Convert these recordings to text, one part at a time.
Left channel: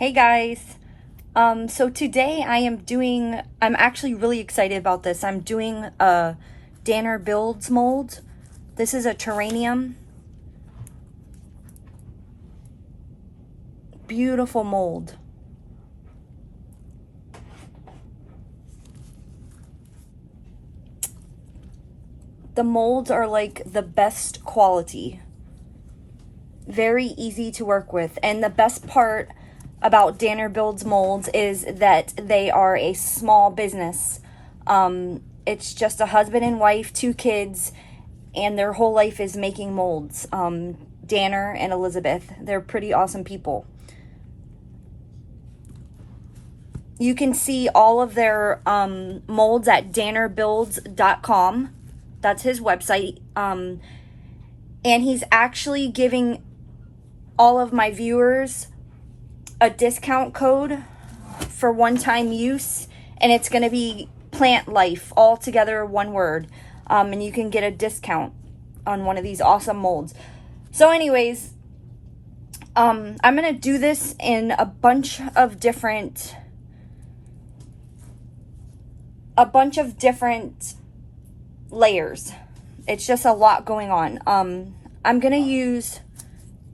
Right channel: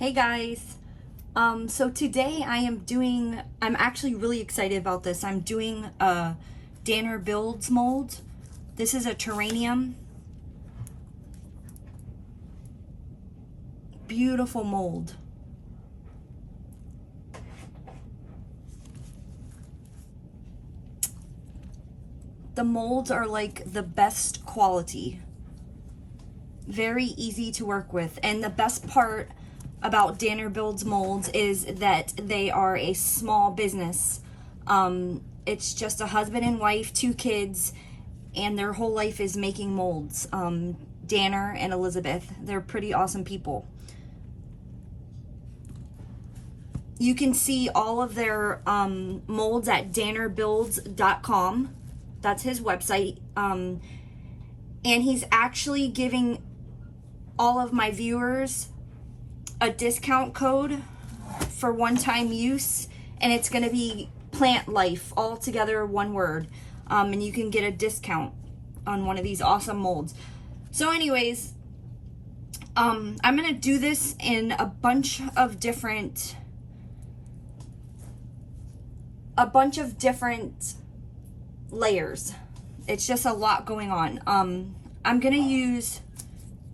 Hey guys, so today I'm actually really excited about this. I'm doing a Danner Builds mold. This is a terrarium. Beautiful mold. The molds are like the best quality. Very easy to work with. And the best part about Danner Builds molds is that they are a small business. It's just a husband and wife, 2 kids, and their whole life is making molds. Danner and Elizabeth, they're pretty awesome people. You can see all of their molds at dannerbuilds.com. That's his website. And he's actually giving all of my viewers a discount code for one-time use, and it's going to be PLANTLIFE, all together one word, and you can get a discount on one of these awesome molds. So anyways, I'm going to do this in a bunch of different layers. It's just a lot going on. I'm going to use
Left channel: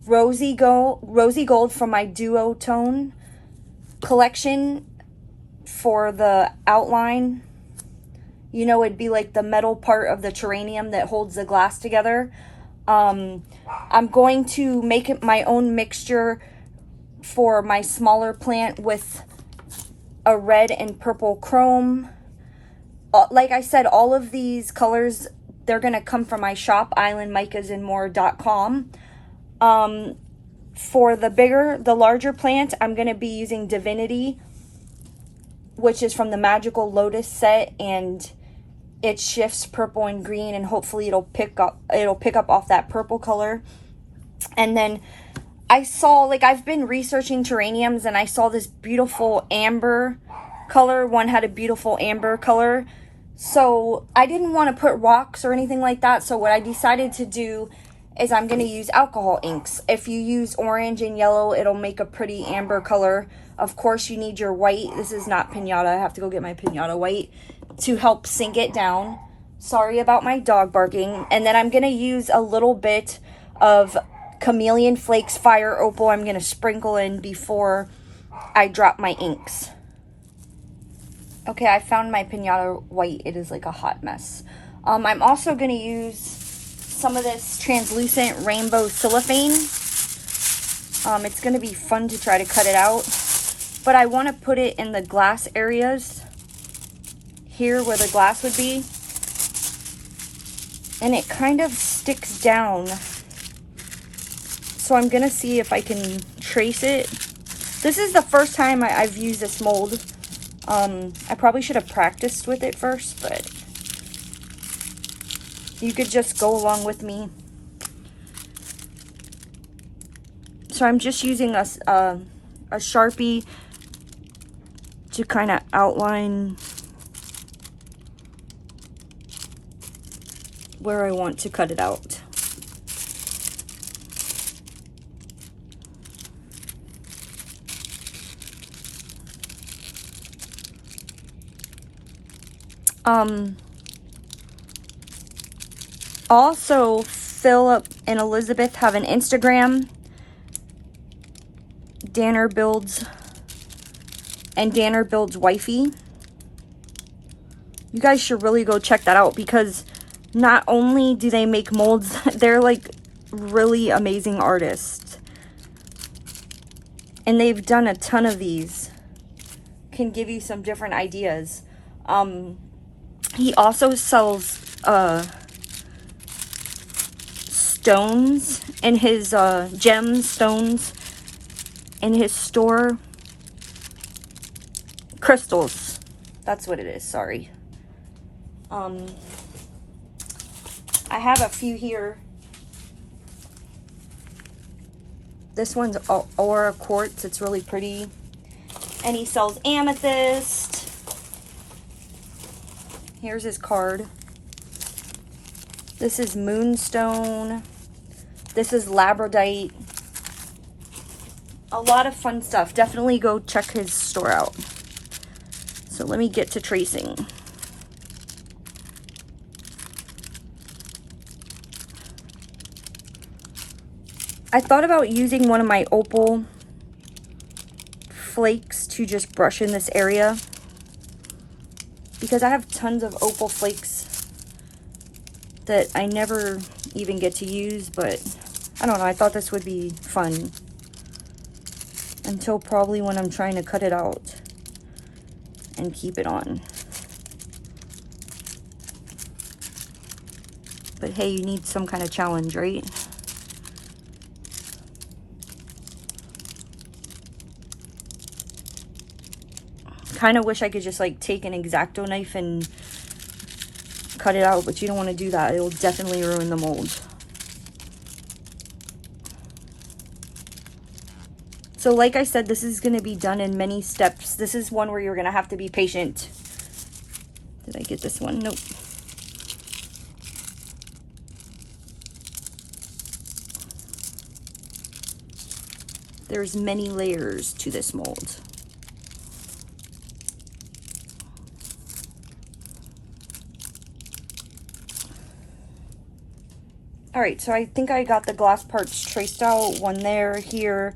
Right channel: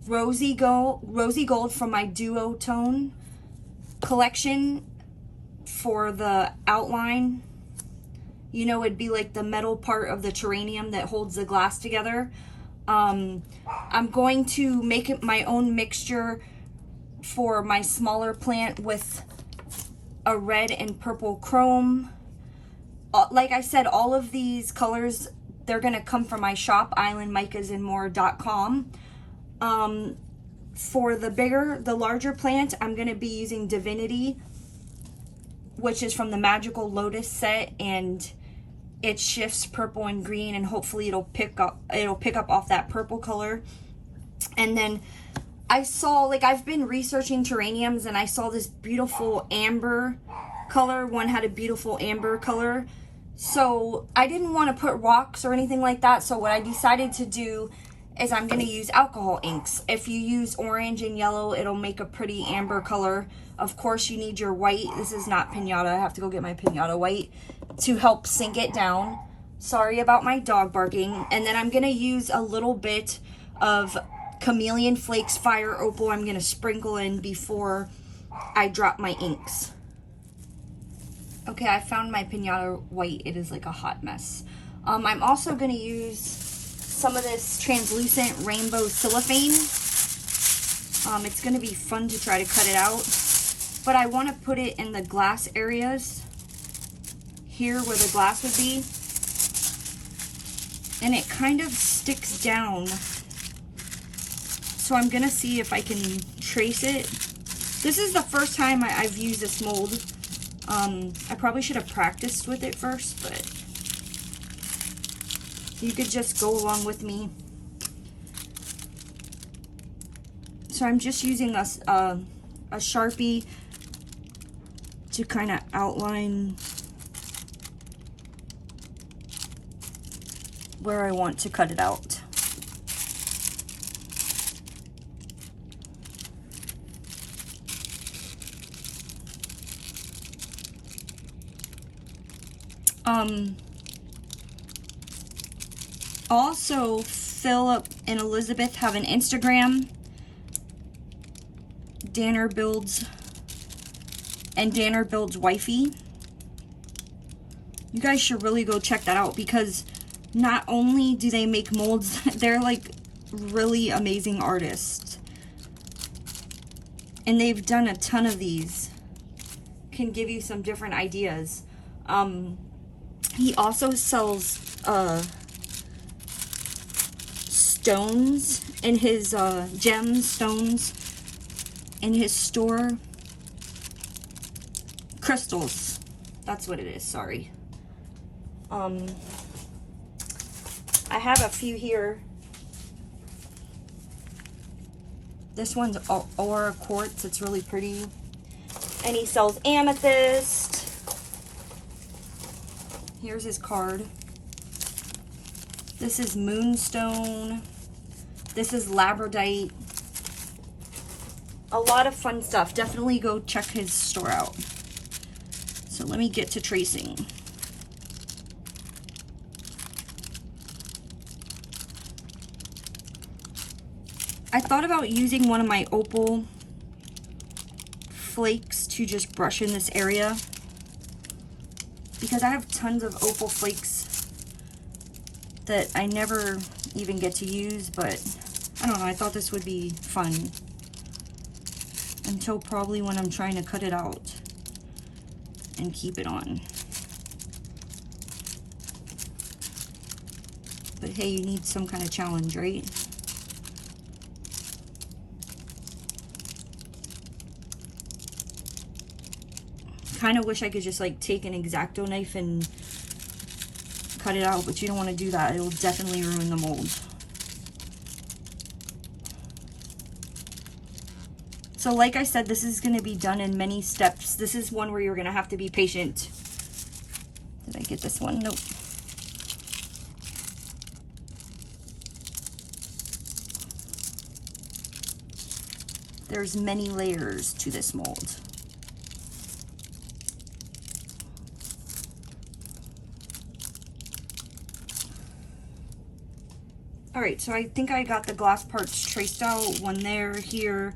Rosy Gold from my Duotone collection for the outline. You know, it'd be like the metal part of the terrarium that holds the glass together. I'm going to make it my own mixture for my smaller plant with a red and purple chrome. Like I said, all of these colors, they're going to come from my shop, islandmicasandmore.com. For the larger plant, I'm going to be using Divinity, which is from the Magical Lotus set, and it shifts purple and green, and hopefully it'll pick up off that purple color. And then I saw, like, I've been researching terrariums, and I saw this beautiful amber color. One had a beautiful amber color. So I didn't want to put rocks or anything like that. So what I decided to do is I'm going to use alcohol inks. If you use orange and yellow, it'll make a pretty amber color. Of course, you need your white. This is not pinata. I have to go get my pinata white to help sink it down. Sorry about my dog barking. And then I'm going to use a little bit of Chameleon Flakes Fire Opal. I'm going to sprinkle in before I drop my inks. Okay, I found my pinata white. It is like a hot mess. I'm also going to use some of this translucent rainbow cellophane. It's going to be fun to try to cut it out. But I want to put it in the glass areas. Here where the glass would be. And it kind of sticks down. So I'm going to see if I can trace it. This is the first time I've used this mold. I probably should have practiced with it first, but you could just go along with me. So I'm just using a Sharpie to kind of outline where I want to cut it out. Also, Philip and Elizabeth have an Instagram, Danner Builds and Danner Builds Wifey. You guys should really go check that out, because not only do they make molds, they're like really amazing artists. And they've done a ton of these. Can give you some different ideas. He also sells stones in his gemstones in his store. Crystals. That's what it is, sorry. I have a few here. This one's Aura Quartz. It's really pretty. And he sells amethyst. Here's his card. This is moonstone. This is labradorite. a lot of fun stuff. Definitely go check his store out. So let me get to tracing. I thought about using one of my Opal flakes to just brush in this area, because I have tons of Opal flakes that I never even get to use, but I don't know, I thought this would be fun. Until probably when I'm trying to cut it out and keep it on. But hey, you need some kind of challenge, right? Kind of wish I could just like take an X-Acto knife and cut it out, but you don't want to do that. It will definitely ruin the mold. So like I said, this is going to be done in many steps. This is one where you're going to have to be patient. Did I get this one? Nope. There's many layers to this mold. All right, so I think I got the glass parts traced out. One there, here,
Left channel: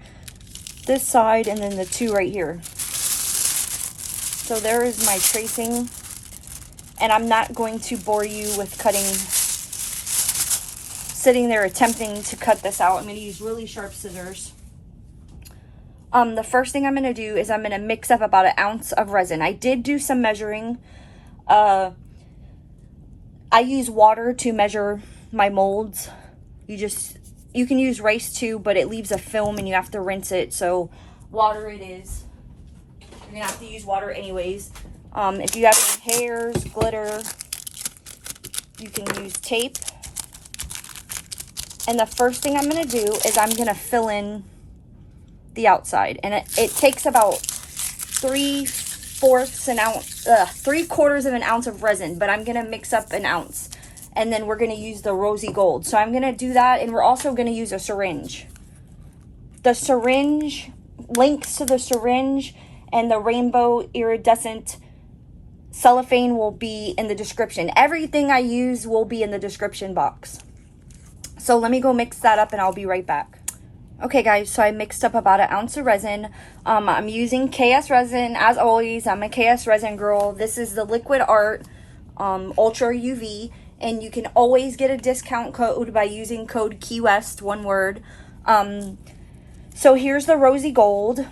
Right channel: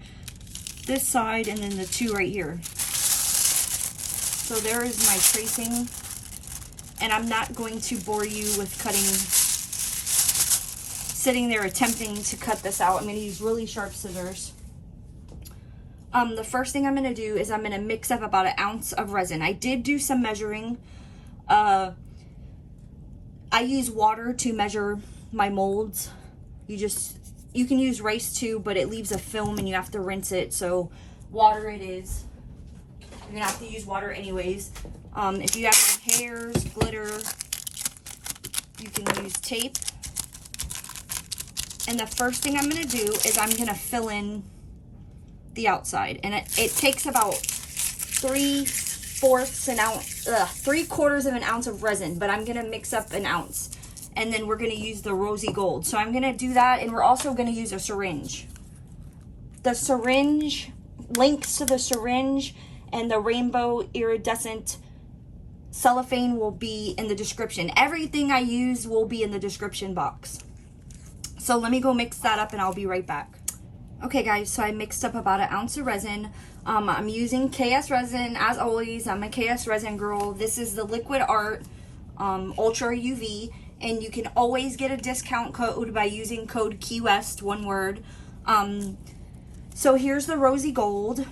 this side, and then the two right here. So there is my tracing. And I'm not going to bore you with cutting, sitting there attempting to cut this out. I'm going to use really sharp scissors. The first thing I'm going to do is I'm going to mix up about 1 ounce of resin. I did do some measuring. I use water to measure my molds. You can use rice too, but it leaves a film and you have to rinse it. So water it is. You're going to have to use water anyways. If you have any hairs, glitter, you can use tape. And the first thing I'm going to do is I'm going to fill in the outside. And it takes about 3/4 of an ounce of resin, but I'm going to mix up 1 ounce. And then we're going to use the Rosey Gold. So I'm going to do that, and we're also going to use a syringe. The syringe, links to the syringe and the rainbow iridescent cellophane will be in the description. Everything I use will be in the description box. So let me go mix that up and I'll be right back. Okay guys, so I mixed up about 1 ounce of resin. I'm using KSRESIN as always. I'm a KSRESIN girl. This is the Liquid Art Ultra UV, and you can always get a discount code by using code KeyWest, one word. So here's the Rosey Gold.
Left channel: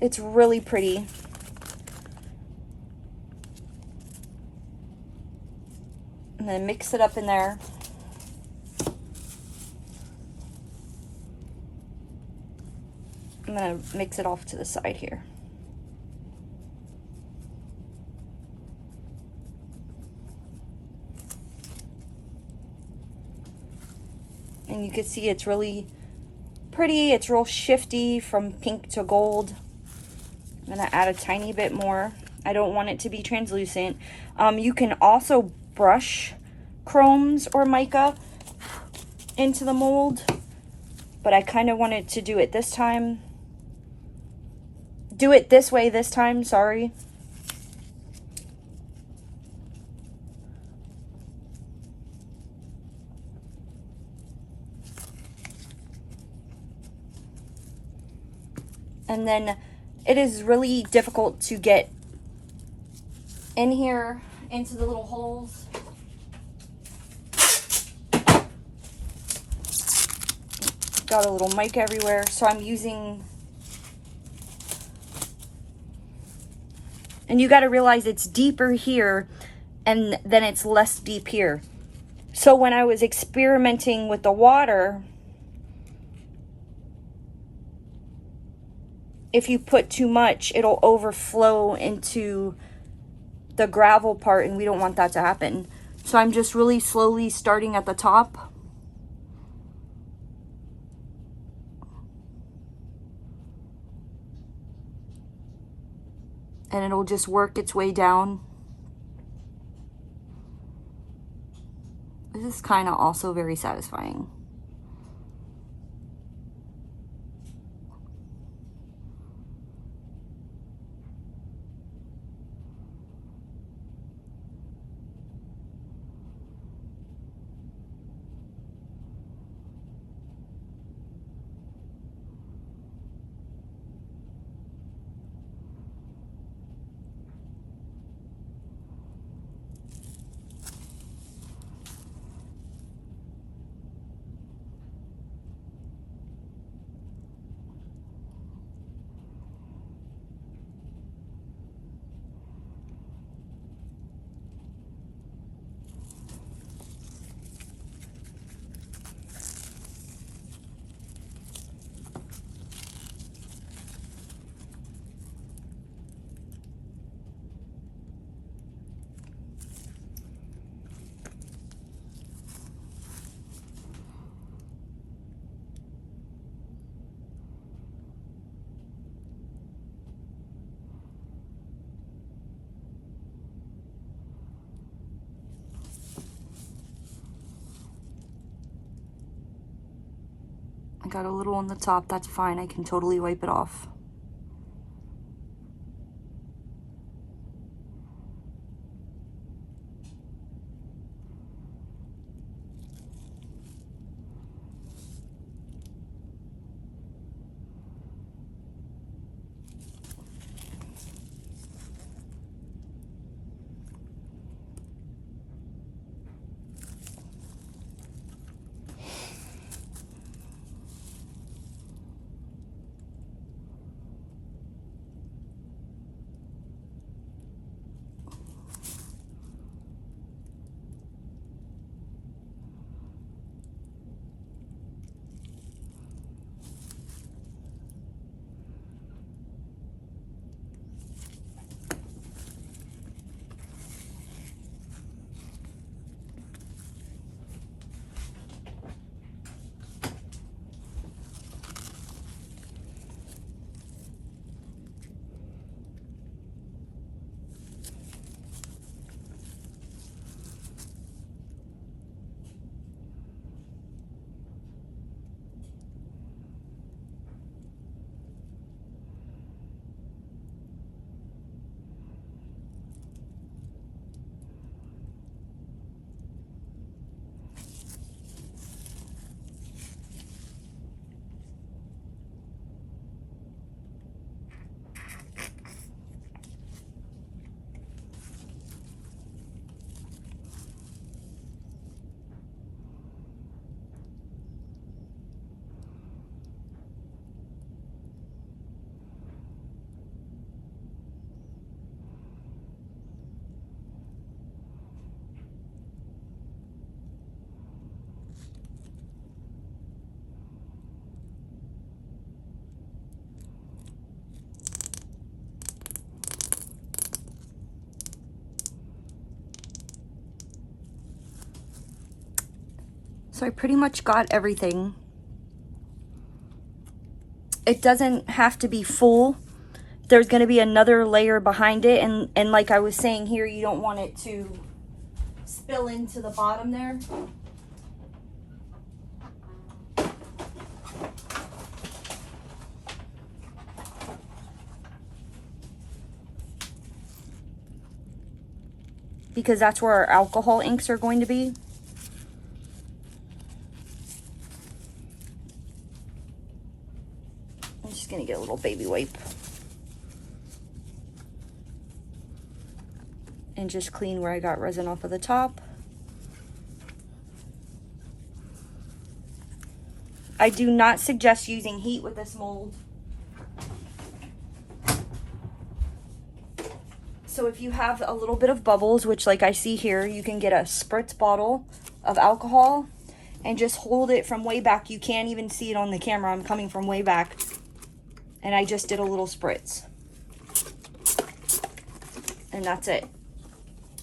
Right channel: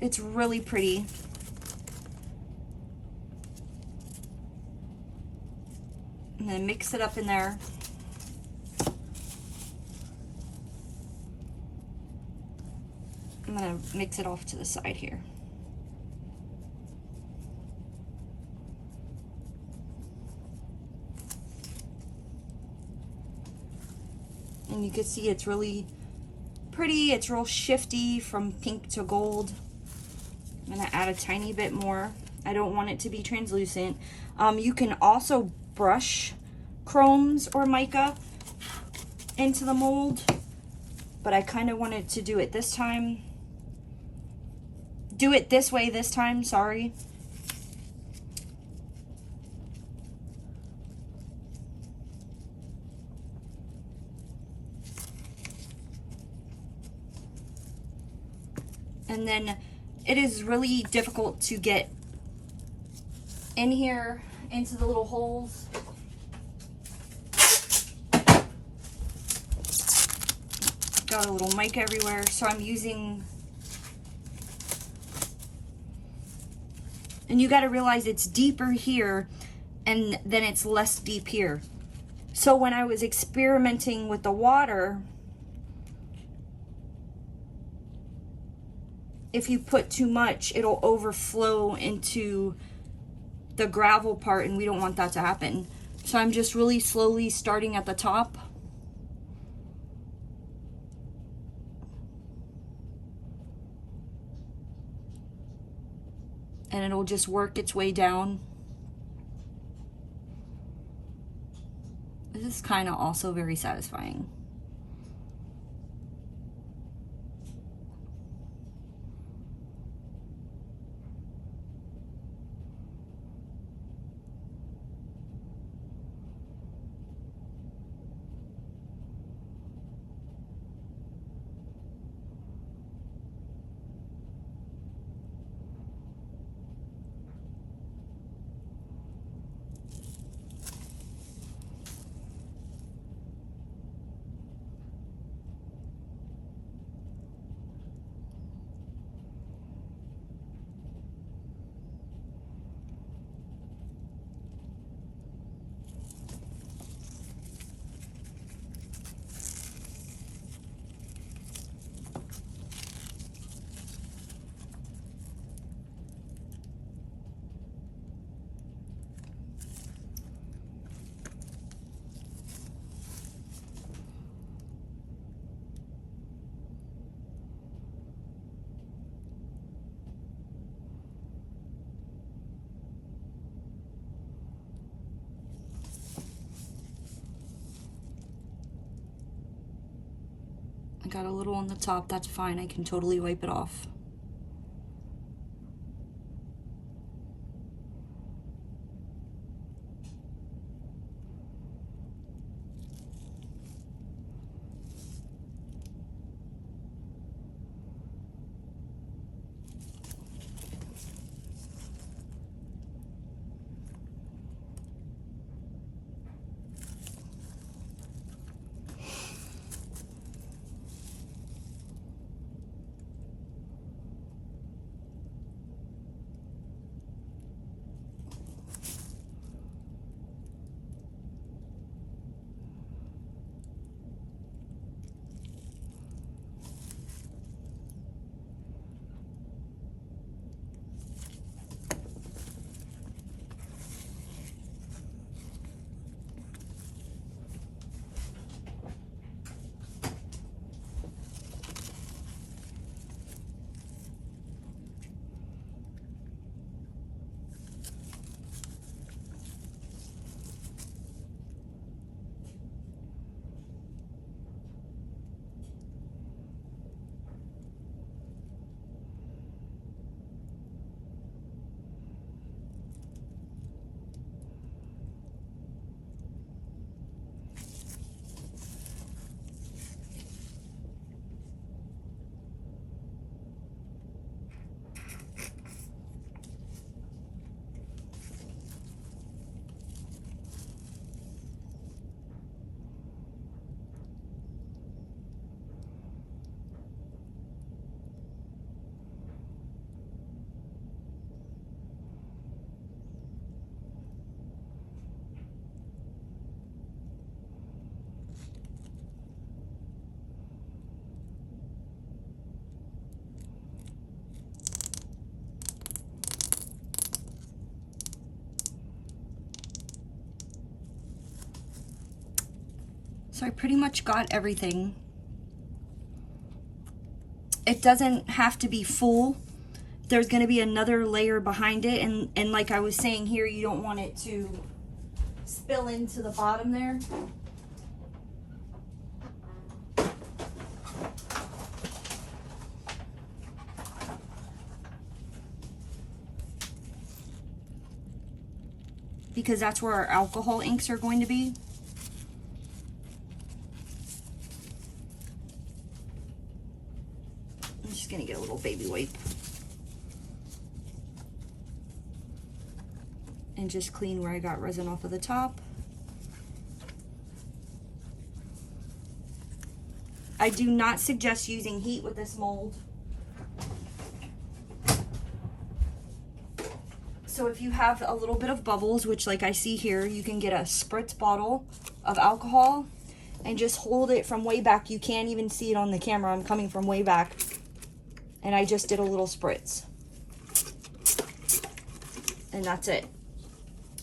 It's really pretty. I'm gonna mix it up in there. I'm gonna mix it off to the side here. And you can see it's really pretty. It's real shifty from pink to gold. I'm gonna add a tiny bit more. I don't want it to be translucent. You can also brush chromes or mica into the mold, but I kind of wanted to do it this time. Do it this way this time, sorry. And then it is really difficult to get in here into the little holes. Got a little mica everywhere, so I'm using, and you got to realize it's deeper here and then it's less deep here. So when I was experimenting with the water, if you put too much, it'll overflow into the gravel part, and we don't want that to happen. So I'm just really slowly starting at the top. And it'll just work its way down. This is kind of also very satisfying. Got a little on the top, that's fine, I can totally wipe it off. So I pretty much got everything. It doesn't have to be full. There's going to be another layer behind it, and like I was saying here, you don't want it to spill into the bottom there. Because that's where our alcohol inks are going to be. I'm just going to get a little baby wipe. And just clean where I got resin off of the top. I do not suggest using heat with this mold. So if you have a little bit of bubbles, which like I see here, you can get a spritz bottle of alcohol and just hold it from way back. You can't even see it on the camera. I'm coming from way back. And I just did a little spritz. And that's it.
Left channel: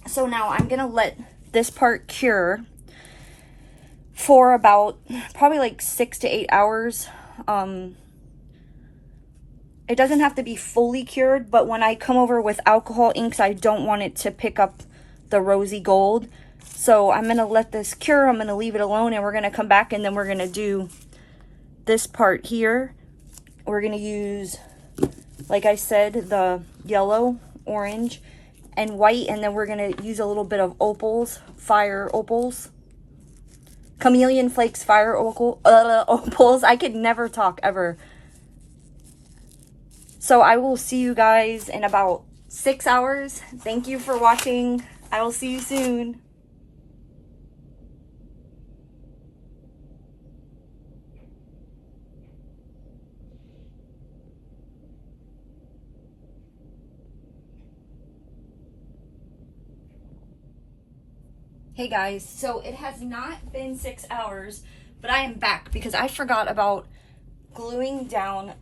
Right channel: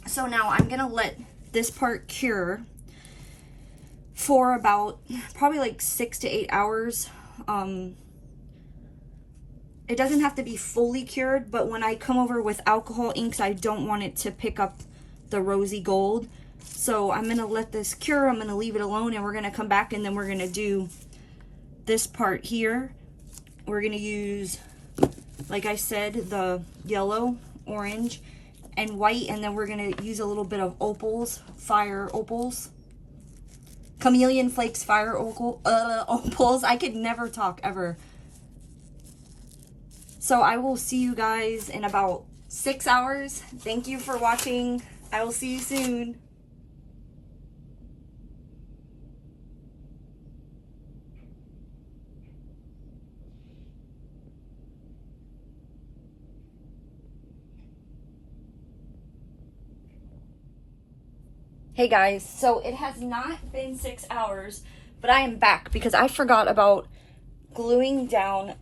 So now I'm gonna let this part cure for about probably like 6 to 8 hours. It doesn't have to be fully cured, but when I come over with alcohol inks, I don't want it to pick up the rosy gold. So I'm gonna let this cure, I'm gonna leave it alone, and we're gonna come back and then we're gonna do this part here. We're gonna use, like I said, the yellow, orange, and white, and then we're gonna use a little bit of opals, fire opals. Chameleon flakes, fire opals. I could never talk ever. So I will see you guys in about 6 hours. Thank you for watching. I will see you soon. Hey guys, so it has not been 6 hours, but I am back because I forgot about gluing down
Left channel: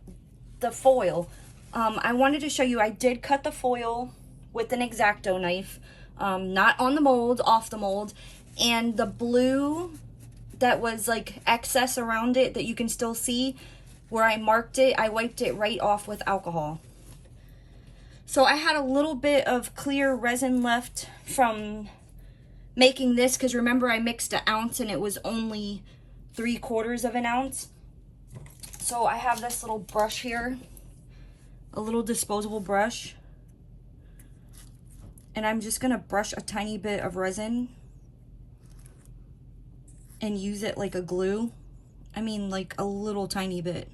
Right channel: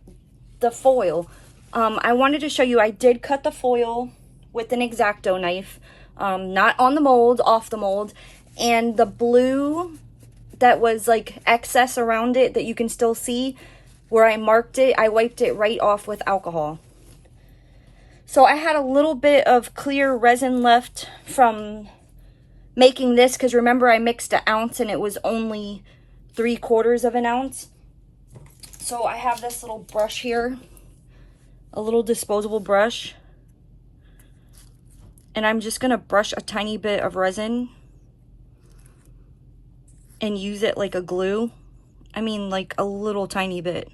the foil. I wanted to show you, I did cut the foil with an X-Acto knife, not on the mold, off the mold, and the blue that was like excess around it that you can still see where I marked it, I wiped it right off with alcohol. So I had a little bit of clear resin left from making this, because remember I mixed an ounce and it was only 3/4 of an ounce. So I have this little brush here, a little disposable brush, and I'm just gonna brush a tiny bit of resin and use it like a glue. I mean, like a little tiny bit.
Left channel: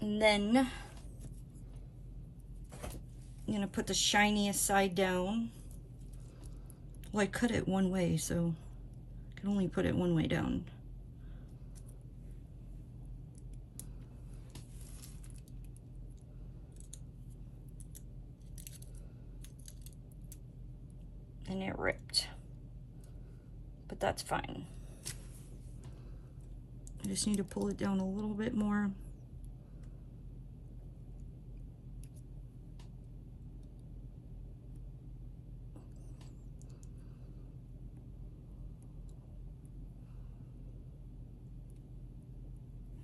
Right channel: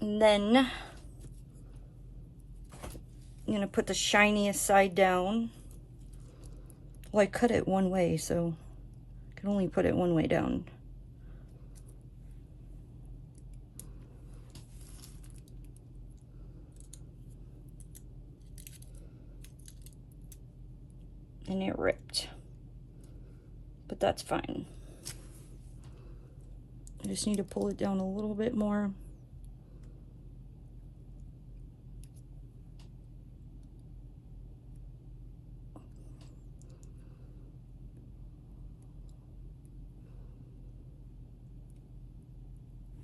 And then I'm gonna put the shiniest side down. Well, I cut it one way, so I can only put it one way down. And it ripped, but that's fine. I just need to pull it down a little bit more.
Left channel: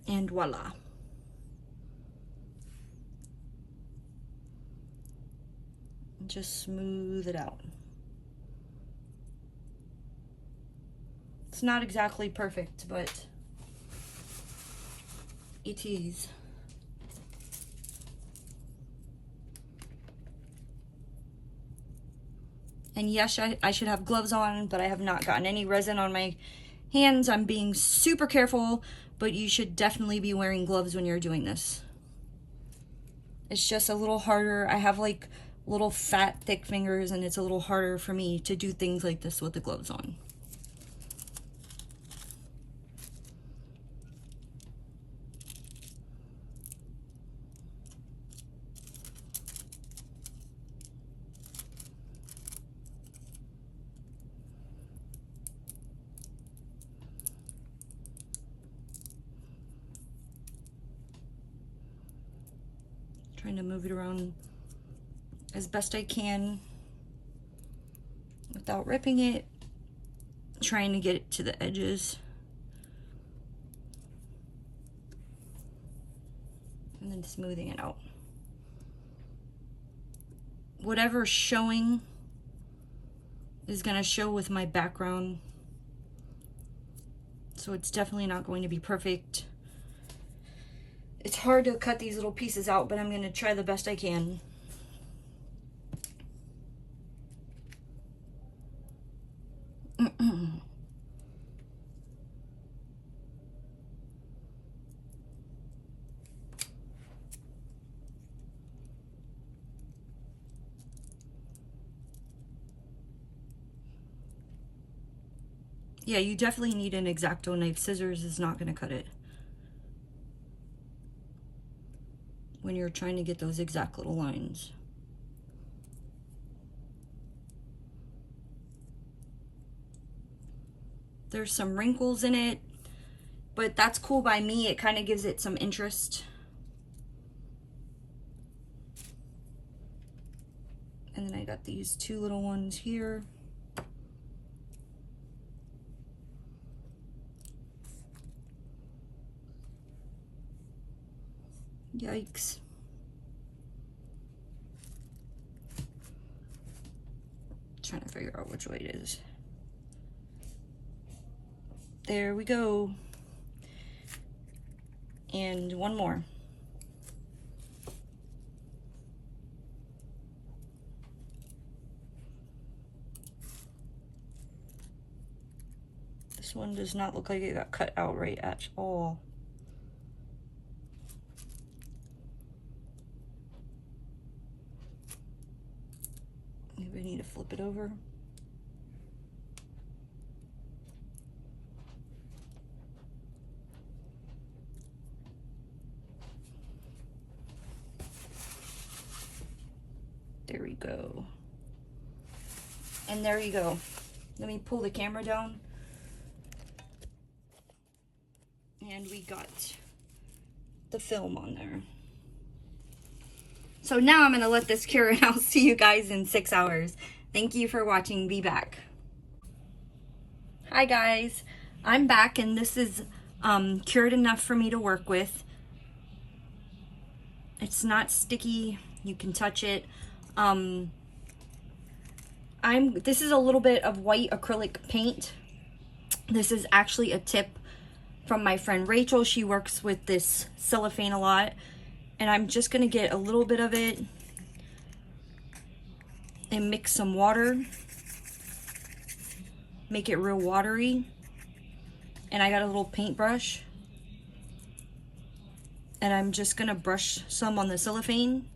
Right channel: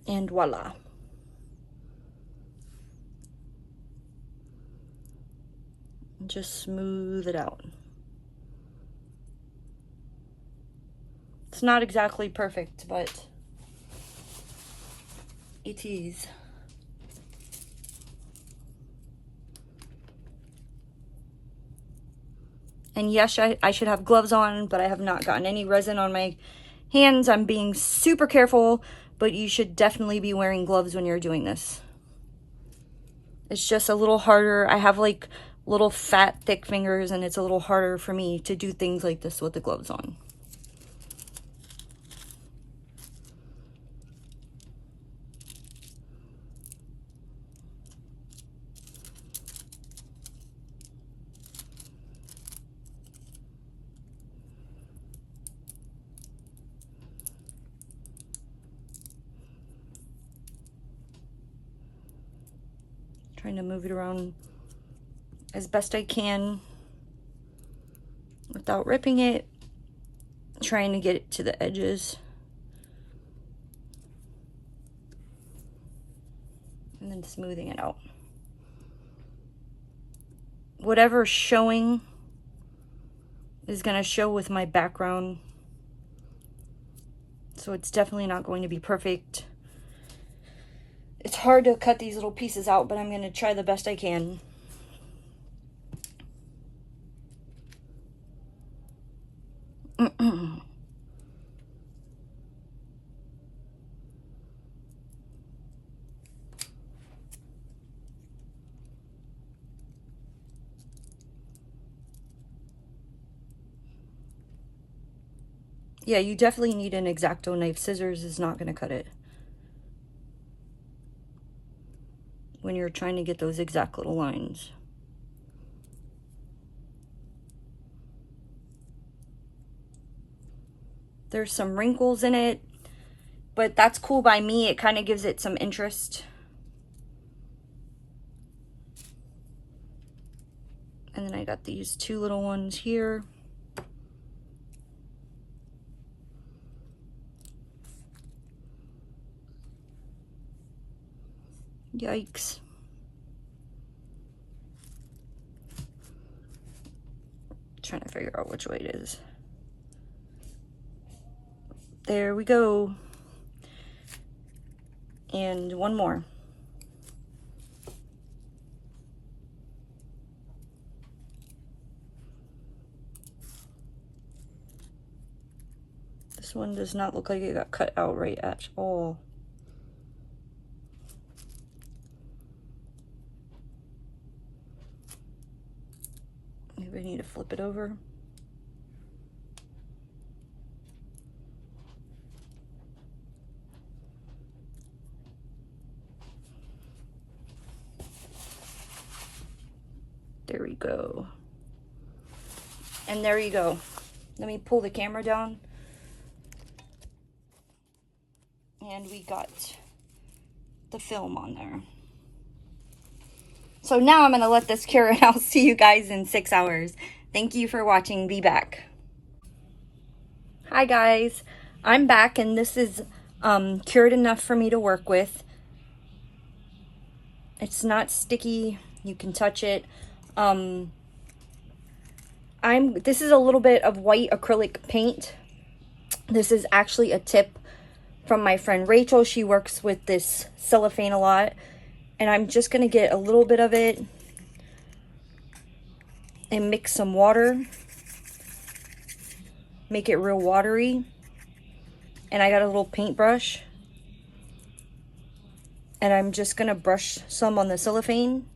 And voila. Just smooth it out. It's not exactly perfect, but it is. And yes, I should have gloves on, but I have not gotten any resin on my hands. I'm being super careful, but you should definitely be wearing gloves when you're doing this. It's just a little harder. I have like little fat, thick fingers, and it's a little harder for me to do things like this with the gloves on. Trying to move it around as best I can without ripping it, trying to get it to the edges. And then smoothing it out. Whatever's showing is going to show with my background. So it's definitely not going to be perfect. It's hard to cut these little pieces out, but I'm going to try the best I can. Yeah, you definitely need an X-Acto knife. Scissors is not going to cut it when you're trying to get those exact little lines. There's some wrinkles in it, but that's cool by me. It kind of gives it some interest. And then I got these two little ones here. Yikes. Trying to figure out which way it is. There we go. And one more. This one does not look like it got cut out right at all. Maybe I need to flip it over. There we go. And there you go. Let me pull the camera down. And we got the film on there. So now I'm going to let this cure and I'll see you guys in 6 hours. Thank you for watching. Be back. Hi guys. I'm back and this is cured enough for me to work with. It's not sticky. You can touch it. I This is a little bit of white acrylic paint. This is actually a tip from my friend Rachel. She works with this cellophane a lot. And I'm just going to get a little bit of it and mix some water. Make it real watery. And I got a little paintbrush. And I'm just going to brush some on the cellophane.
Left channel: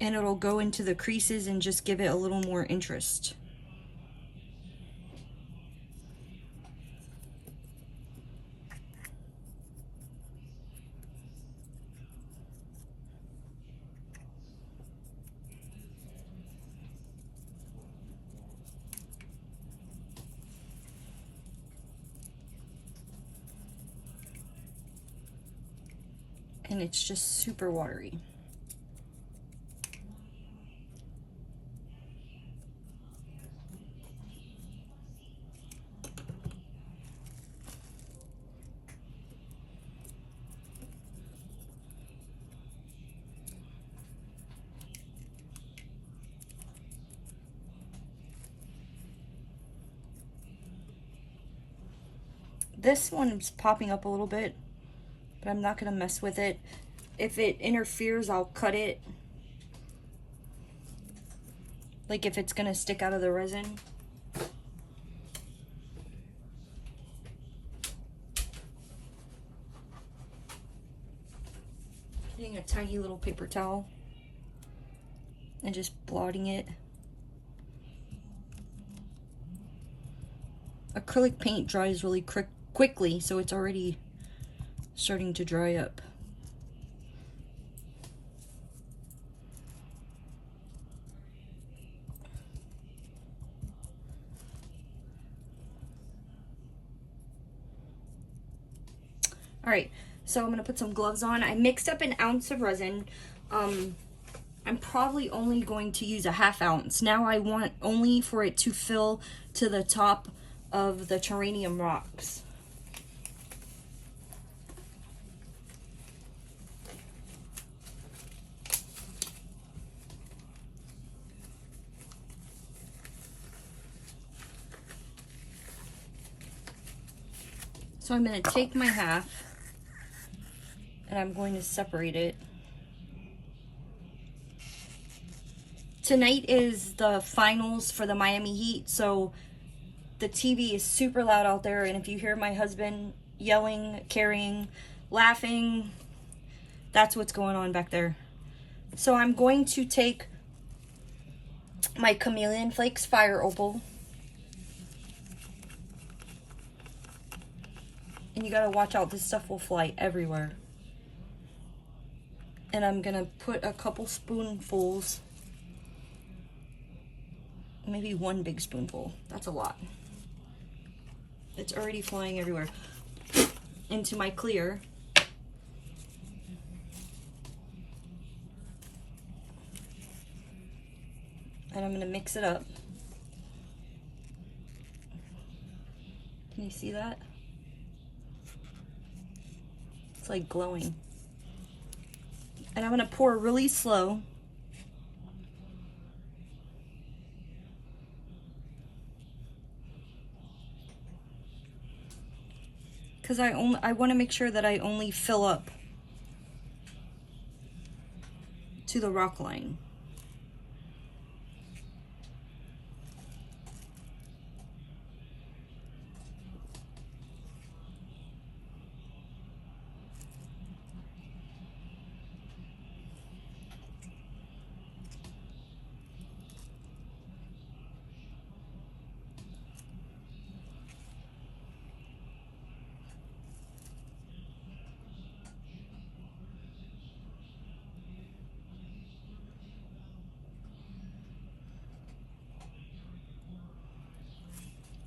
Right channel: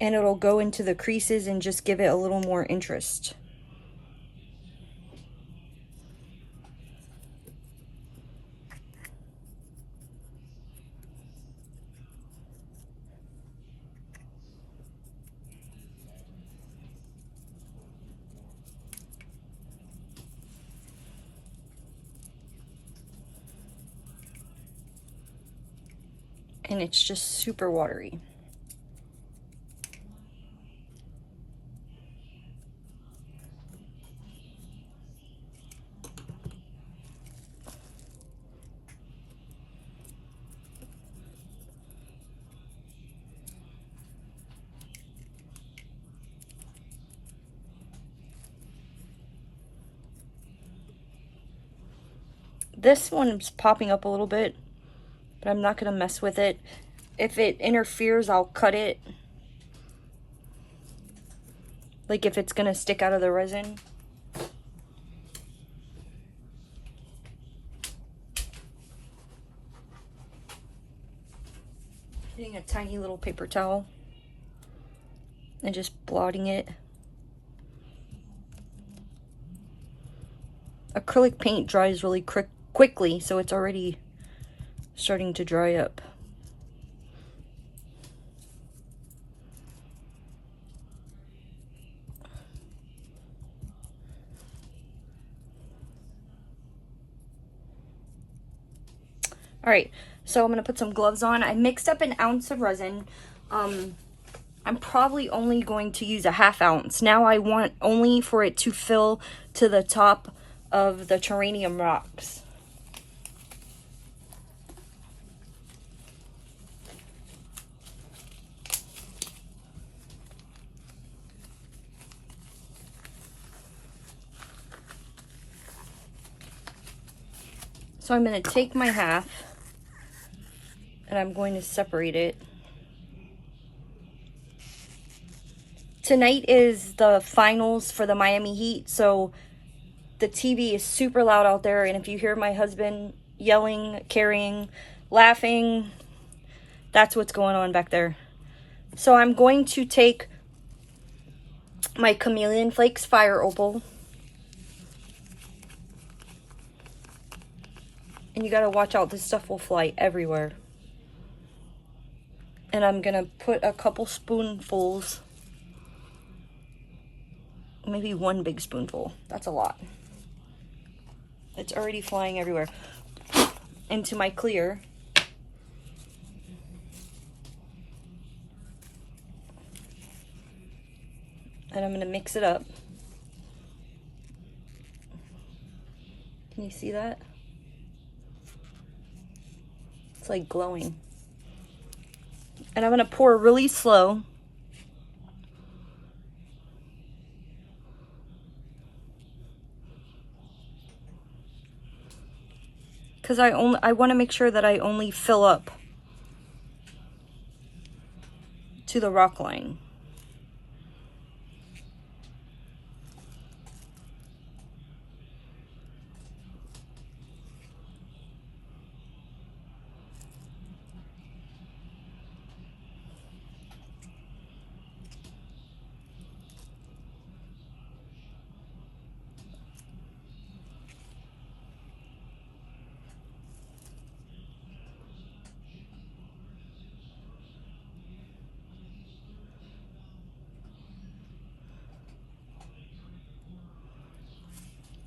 And it'll go into the creases and just give it a little more interest. And it's just super watery. This one's popping up a little bit, but I'm not going to mess with it. If it interferes, I'll cut it. Like if it's going to stick out of the resin. Getting a tiny little paper towel and just blotting it. Acrylic paint dries really quickly, so it's already starting to dry up. All right, so I'm gonna put some gloves on. I mixed up an ounce of resin. I'm probably only going to use a ½ ounce. Now I want only for it to fill to the top of the terrarium rocks. So I'm going to take my half and I'm going to separate it. Tonight is the finals for the Miami Heat, so the TV is super loud out there, and if you hear my husband yelling, carrying, laughing, that's what's going on back there. So I'm going to take my Chameleon Flakes Fire Opal. And you gotta watch out, this stuff will fly everywhere. And I'm gonna put a couple spoonfuls, maybe one big spoonful. That's a lot. It's already flying everywhere. Into my clear. And I'm gonna mix it up. Can you see that? It's like glowing. And I'm gonna pour really slow. Because I want to make sure that I only fill up to the rock line.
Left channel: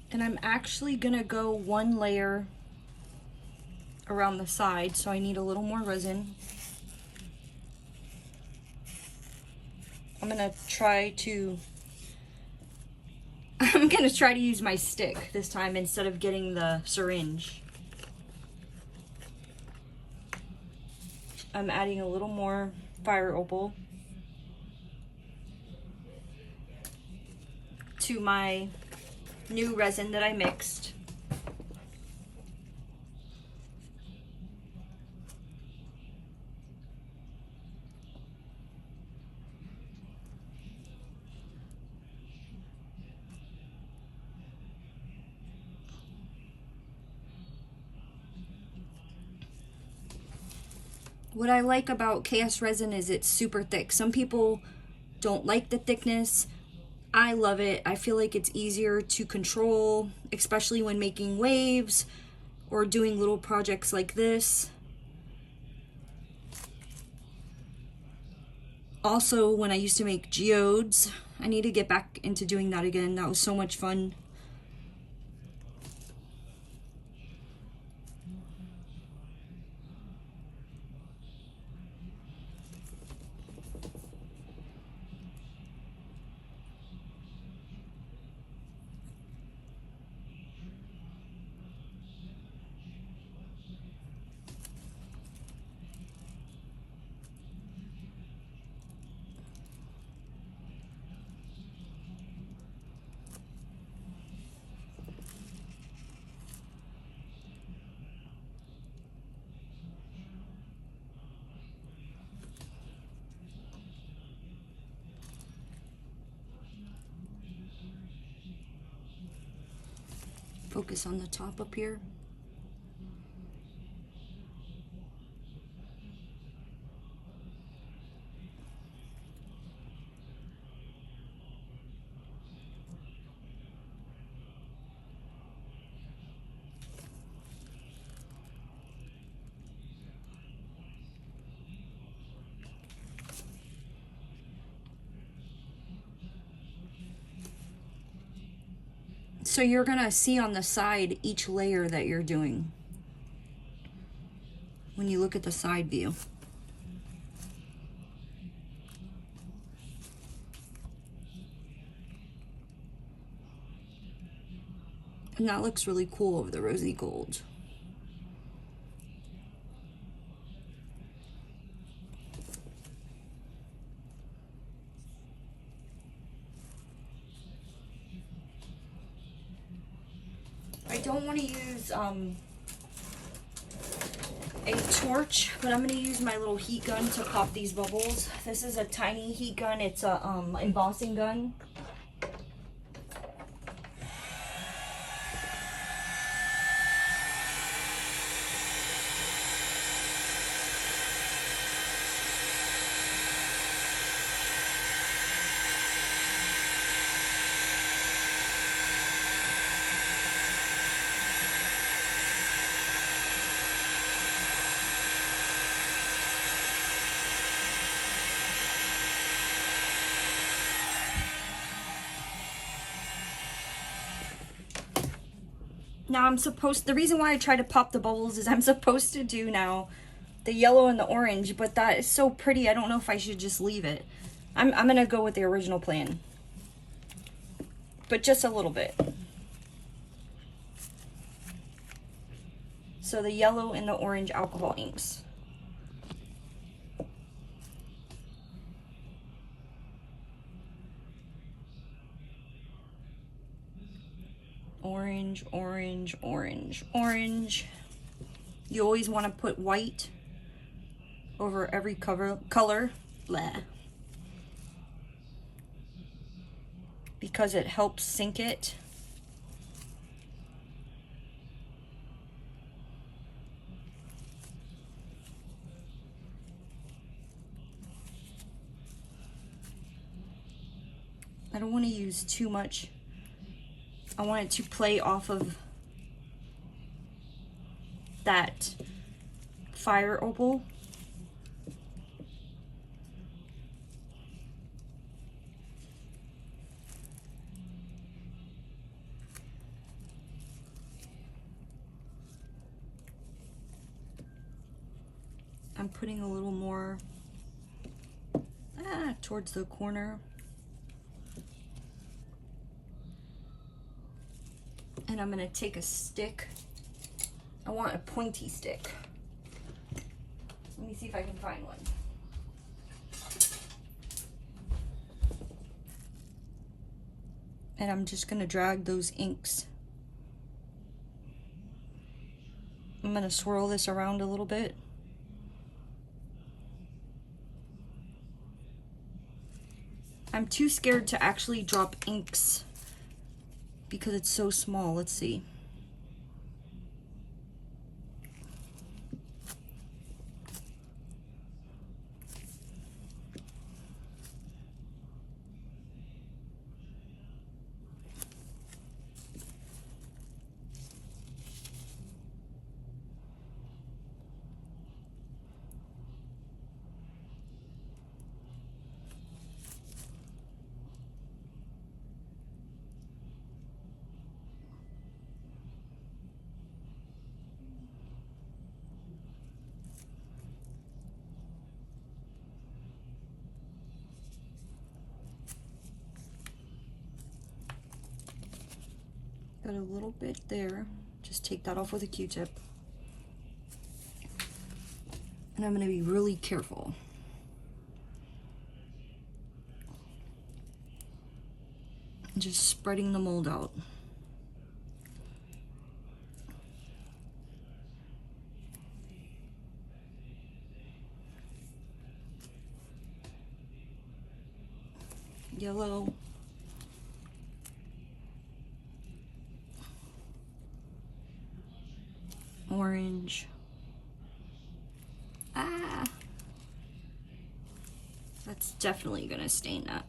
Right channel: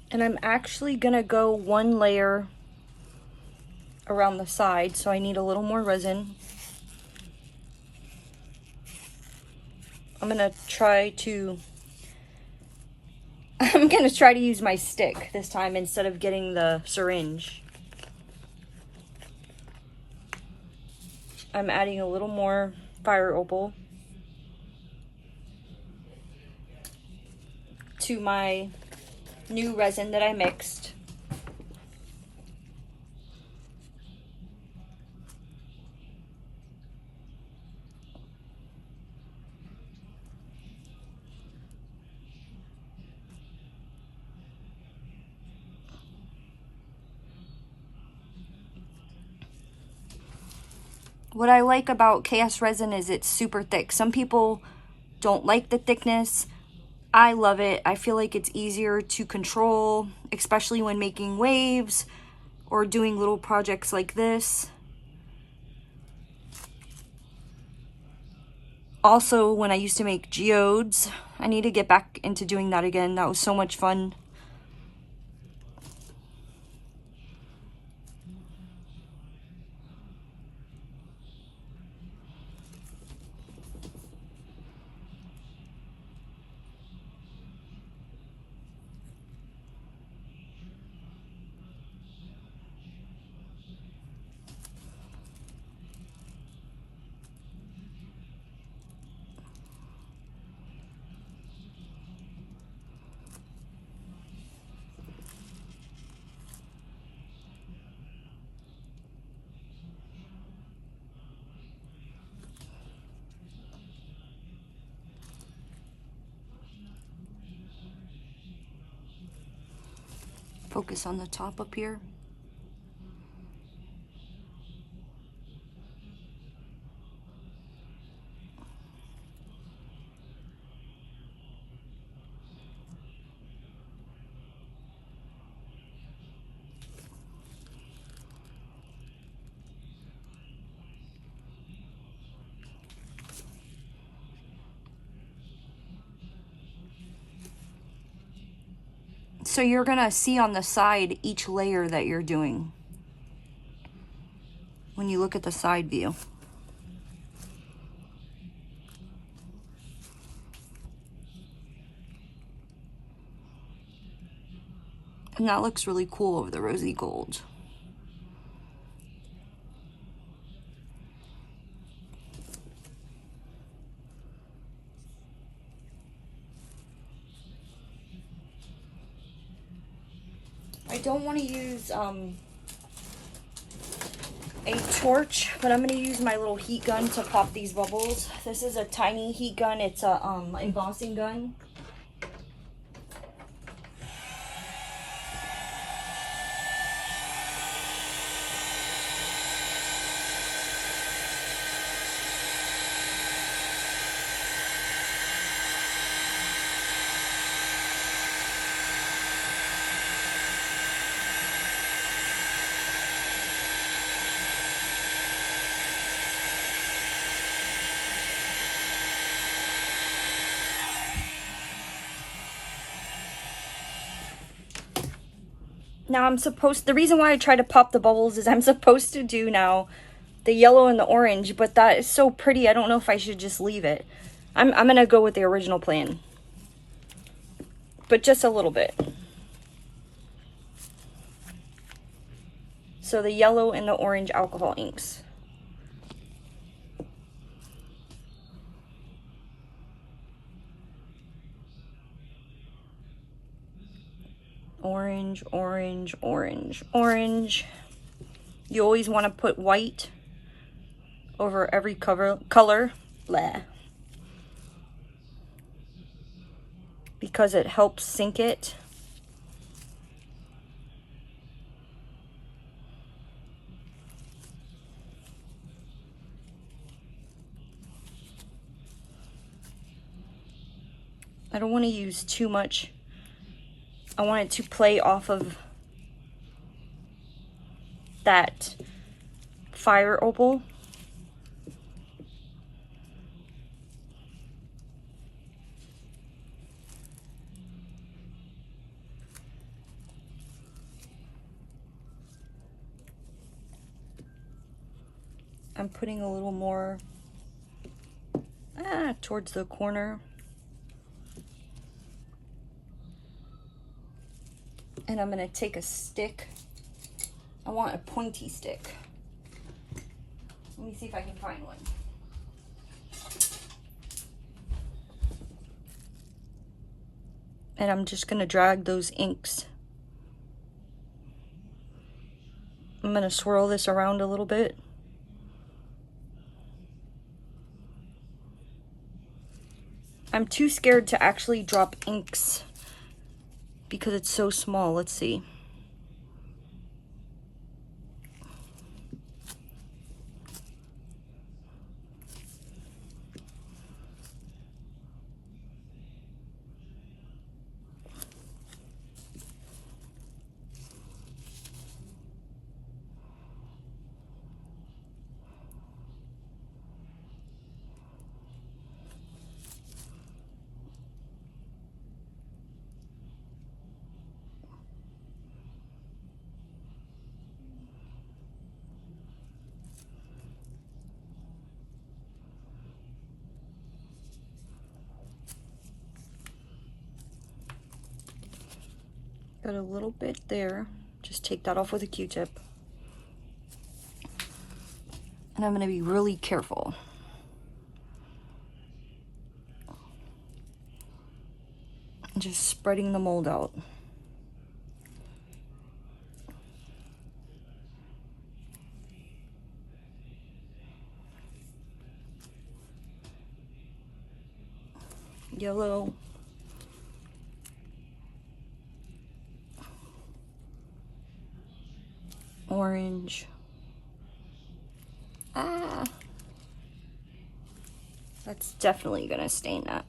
And I'm actually gonna go one layer around the side, so I need a little more resin. I'm gonna try to use my stick this time instead of getting the syringe. I'm adding a little more fire opal. to my new resin that I mixed. What I like about KSRESIN is it's super thick. Some people don't like the thickness. I love it. I feel like it's easier to control, especially when making waves or doing little projects like this. Also, when I used to make geodes, I need to get back into doing that again. That was so much fun. Focus on the top up here. So you're gonna see on the side each layer that you're doing when you look at the side view. And that looks really cool over the rosy gold. I don't want to use a torch, but I'm going to use my little heat gun to pop these bubbles. This is a tiny heat gun. It's a embossing gun. Now the reason why I try to pop the bubbles is I'm supposed to do now the yellow and the orange, but that is so pretty. I don't know if I should just leave it. I'm gonna go with the original plan, but just a little bit. So the yellow and the orange alcohol inks. Orange, orange, orange, orange. You always want to put white over every color. Blah. Because it helps sink it. I don't want to use too much. I want it to play off of that fire opal. I'm putting a little more towards the corner. And I'm gonna take a stick. I want a pointy stick. Let me see if I can find one. And I'm just gonna drag those inks. I'm gonna swirl this around a little bit. I'm too scared to actually drop inks because it's so small. Let's see. Got a little bit there. Just take that off with a Q-tip. And I'm gonna be really careful. Just spreading the mold out. Yellow. Orange. Ah, that's definitely gonna stain that.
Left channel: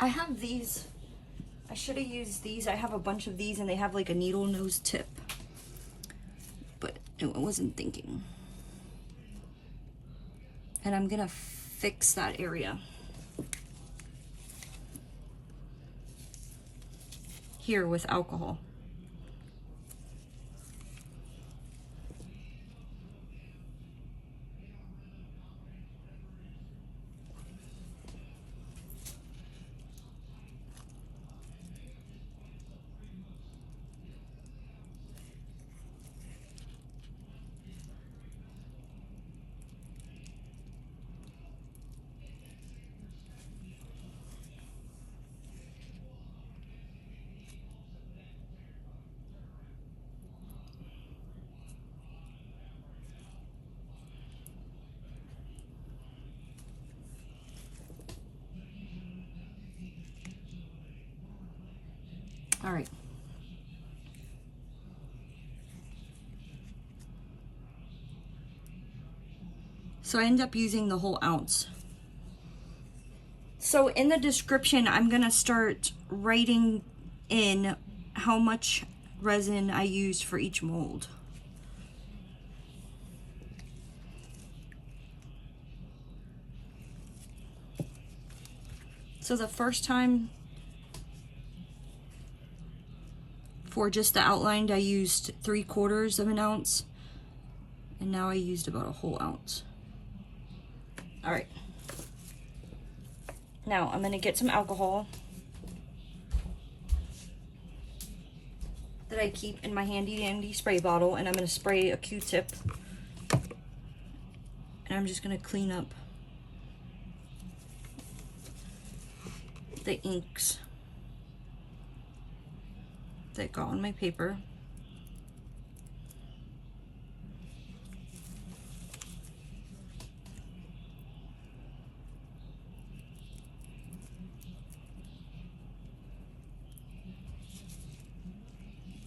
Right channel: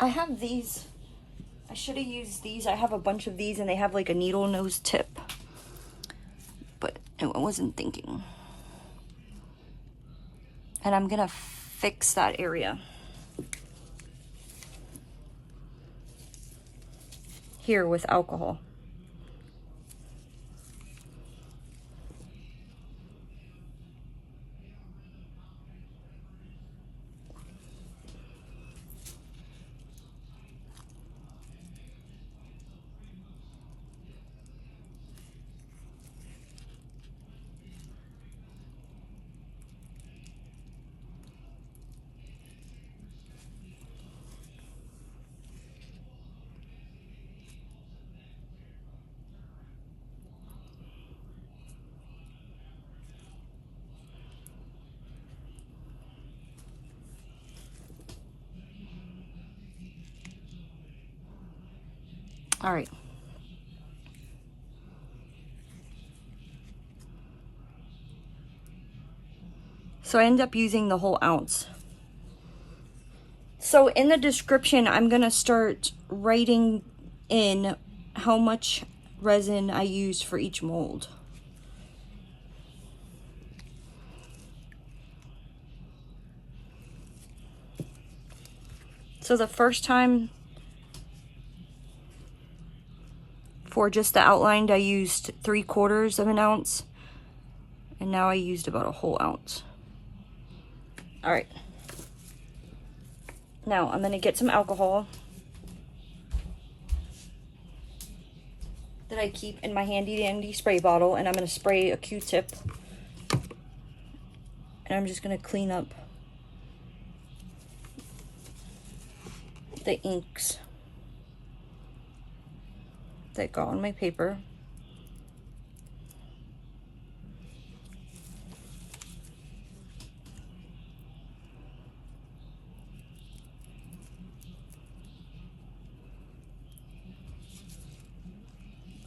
I have these. I should have used these. I have a bunch of these and they have like a needle nose tip, but I wasn't thinking. And I'm gonna fix that area. Here with alcohol. All right. So I end up using the whole ounce. So in the description, I'm gonna start writing in how much resin I use for each mold. So the first time for just the outlined, I used 3/4 of an ounce, and now I used about a whole ounce. All right. Now I'm gonna get some alcohol that I keep in my handy dandy spray bottle, and I'm gonna spray a Q-tip, and I'm just gonna clean up the inks that got on my paper.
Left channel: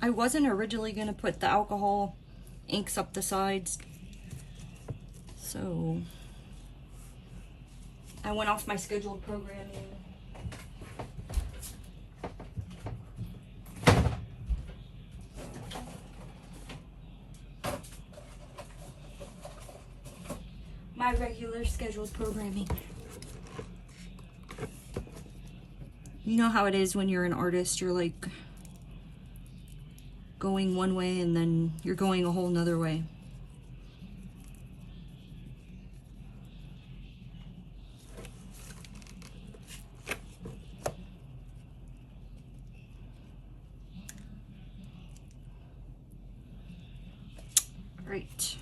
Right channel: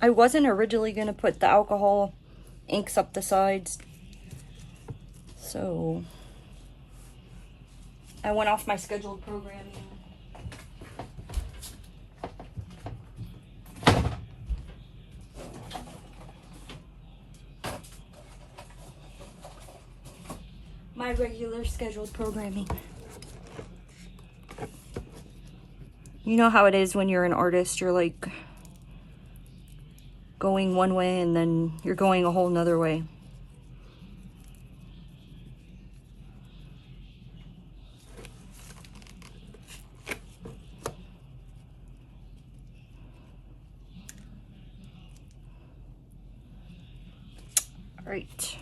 I wasn't originally going to put the alcohol inks up the sides, so I went off my scheduled programming. My regular scheduled programming. You know how it is when you're an artist, you're like going one way and then you're going a whole nother way. Great.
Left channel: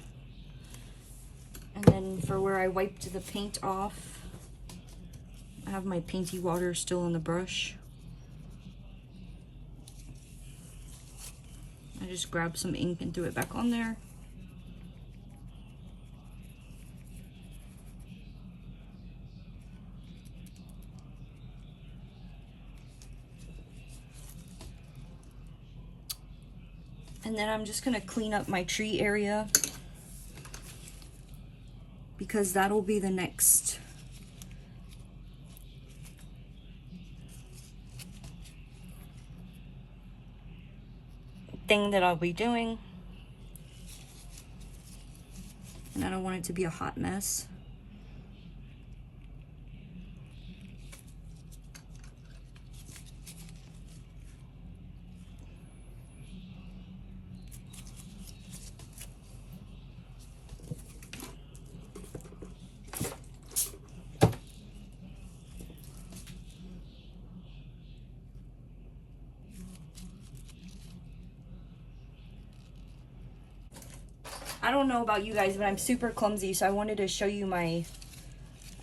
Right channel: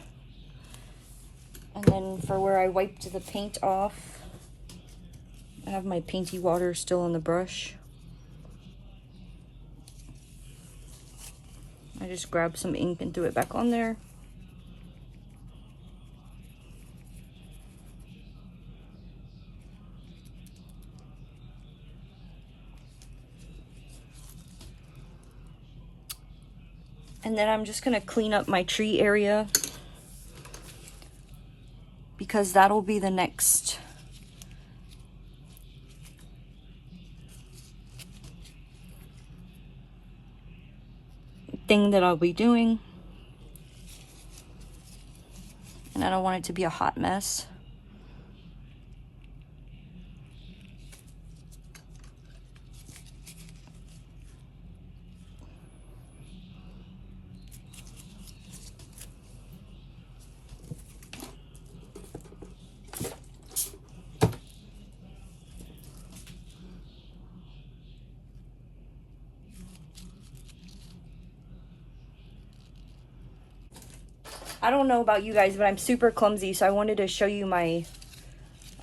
And then for where I wiped the paint off, I have my painty water still in the brush. I just grabbed some ink and threw it back on there. And then I'm just gonna clean up my tree area because that'll be the next thing that I'll be doing. And I don't want it to be a hot mess. I don't know about you guys, but I'm super clumsy, so I wanted to show you my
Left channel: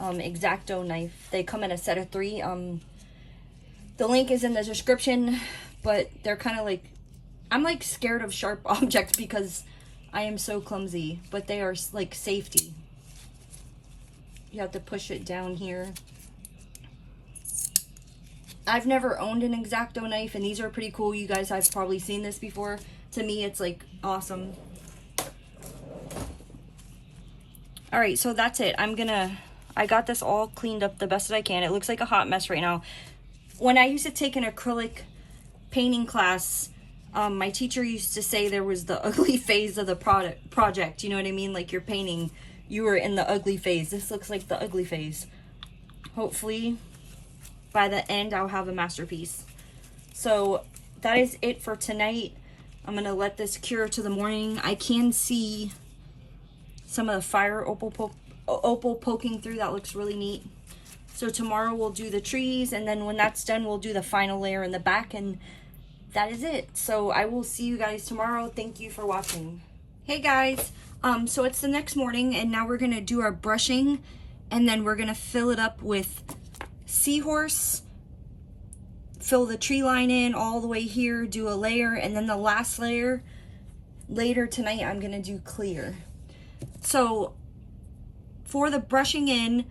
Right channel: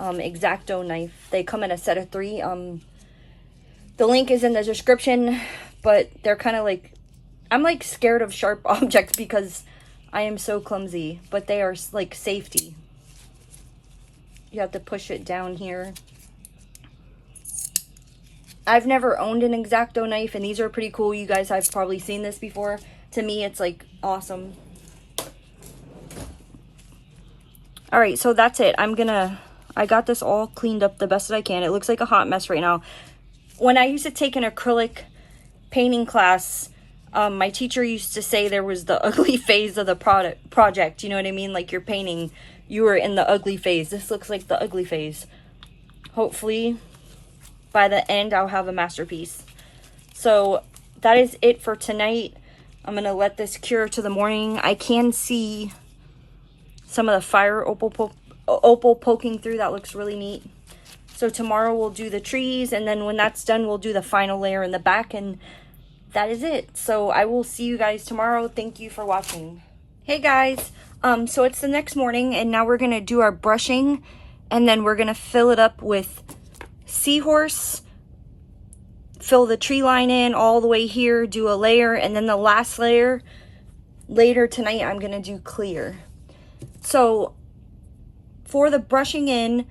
X-Acto knife. They come in a set of 3. The link is in the description, but they're kind of like, I'm like scared of sharp objects because I am so clumsy, but they are like safety. You have to push it down here. I've never owned an X-Acto knife, and these are pretty cool. You guys have probably seen this before. To me, it's like awesome. All right, so that's it. I got this all cleaned up the best as I can. It looks like a hot mess right now. When I used to take an acrylic painting class, my teacher used to say there was the ugly phase of the project. You know what I mean? Like you're painting, you were in the ugly phase. This looks like the ugly phase. Hopefully, by the end, I'll have a masterpiece. So that is it for tonight. I'm going to let this cure to the morning. I can see some of the fire opal poking through. That looks really neat. So tomorrow we'll do the trees, and then when that's done, we'll do the final layer in the back, and that is it. So I will see you guys tomorrow. Thank you for watching. Hey guys, so it's the next morning, and now we're gonna do our brushing, and then we're gonna fill it up with Seahorse, fill the tree line in all the way here, do a layer, and then the last layer later tonight I'm gonna do clear. So for the brushing in,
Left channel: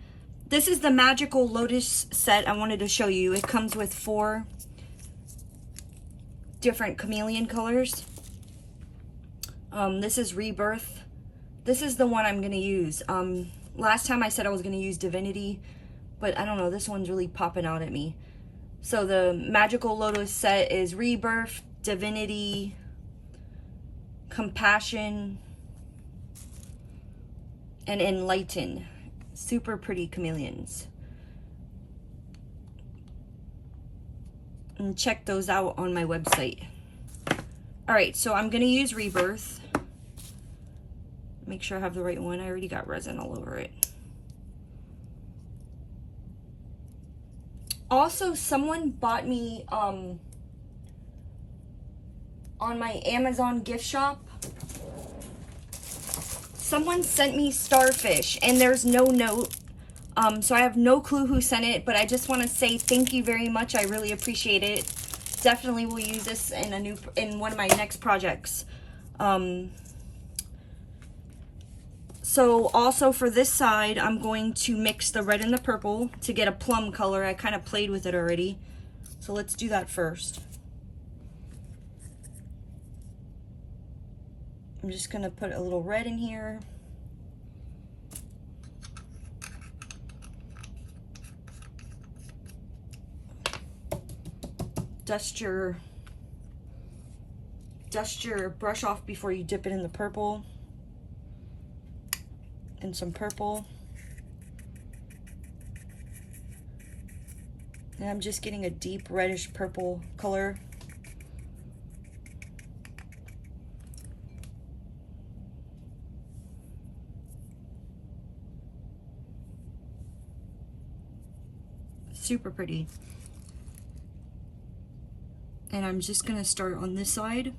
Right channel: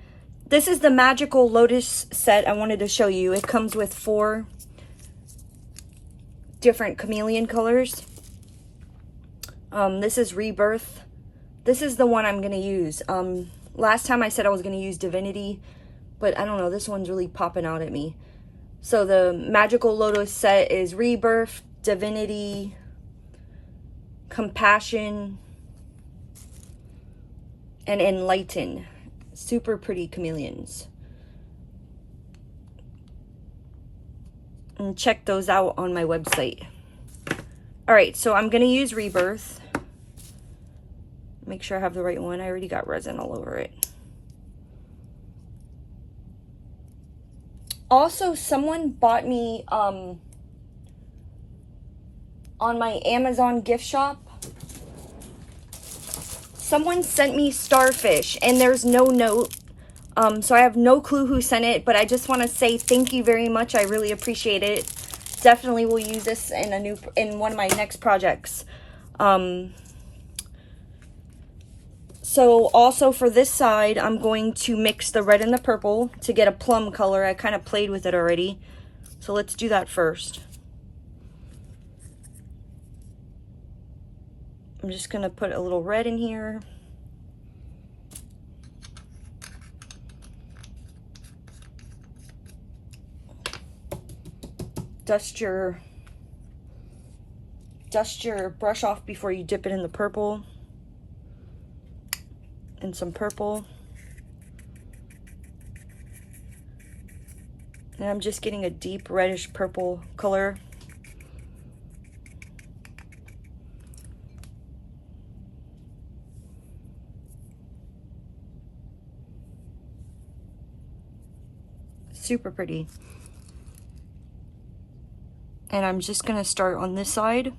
this is the magical Lotus set I wanted to show you. It comes with 4 different chameleon colors. This is Rebirth. This is the one I'm going to use. Last time I said I was going to use Divinity, but I don't know, this one's really popping out at me. So the magical Lotus set is Rebirth, Divinity, Compassion, and Enlighten. Super pretty chameleons. And check those out on my website. Alright, so I'm going to use Rebirth. Make sure I have the right one. I already got resin all over it. Also, someone bought me on my Amazon gift shop. Someone sent me Starfish, and there's no note, so I have no clue who sent it, but I just want to say thank you very much. I really appreciate it. Definitely will use this in one of my next projects. So also for this side, I'm going to mix the red and the purple to get a plum color. I kind of played with it already, so let's do that first. I'm just going to put a little red in here. Dust your brush off before you dip it in the purple. And some purple. And I'm just getting a deep reddish purple color. Super pretty. And I'm just going to start on this side.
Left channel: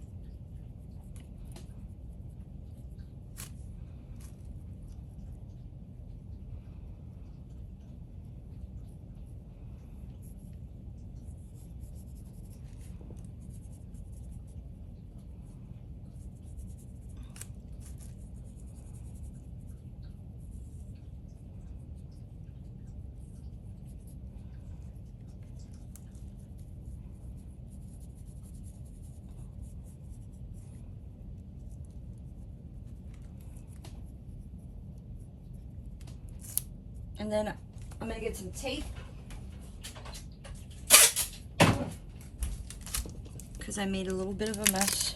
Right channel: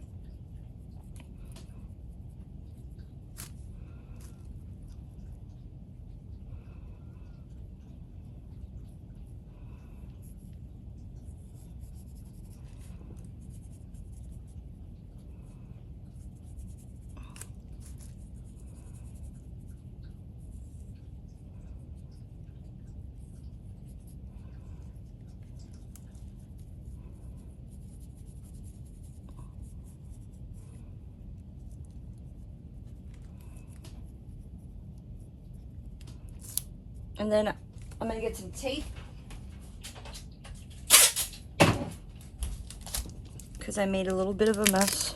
And then I'm gonna get some tape, because I made a little bit of a mess.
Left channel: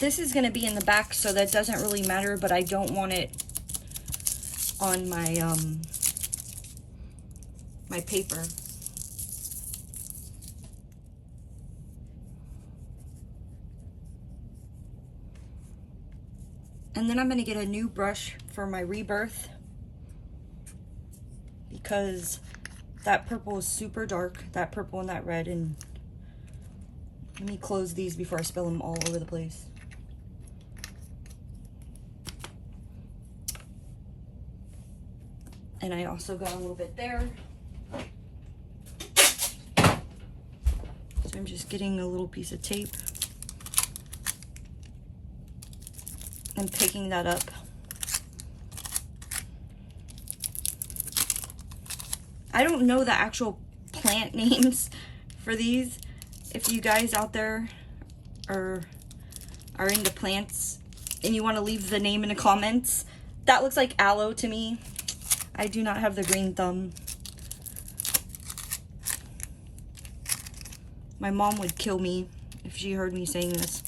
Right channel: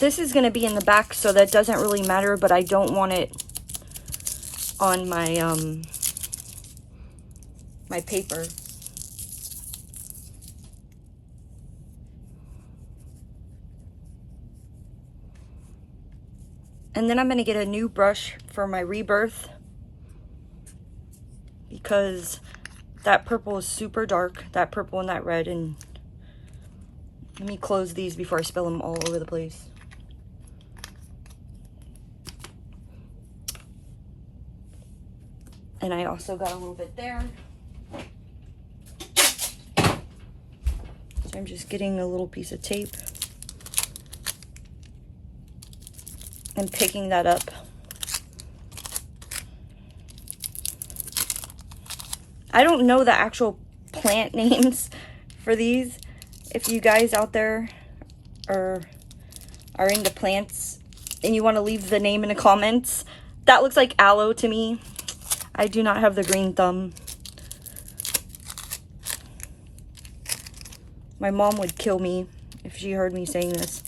This is gonna be in the back, so that doesn't really matter, but I don't want it on my my paper. And then I'm gonna get a new brush for my rebirth, because that purple is super dark, that purple and that red. And let me close these before I spill them all over the place. And I also got a little bit there. So I'm just getting a little piece of tape and picking that up. I don't know the actual plant names for these. If you guys out there are into plants and you want to leave the name in the comments. That looks like aloe to me. I do not have the green thumb. My mom would kill me if she heard me saying this.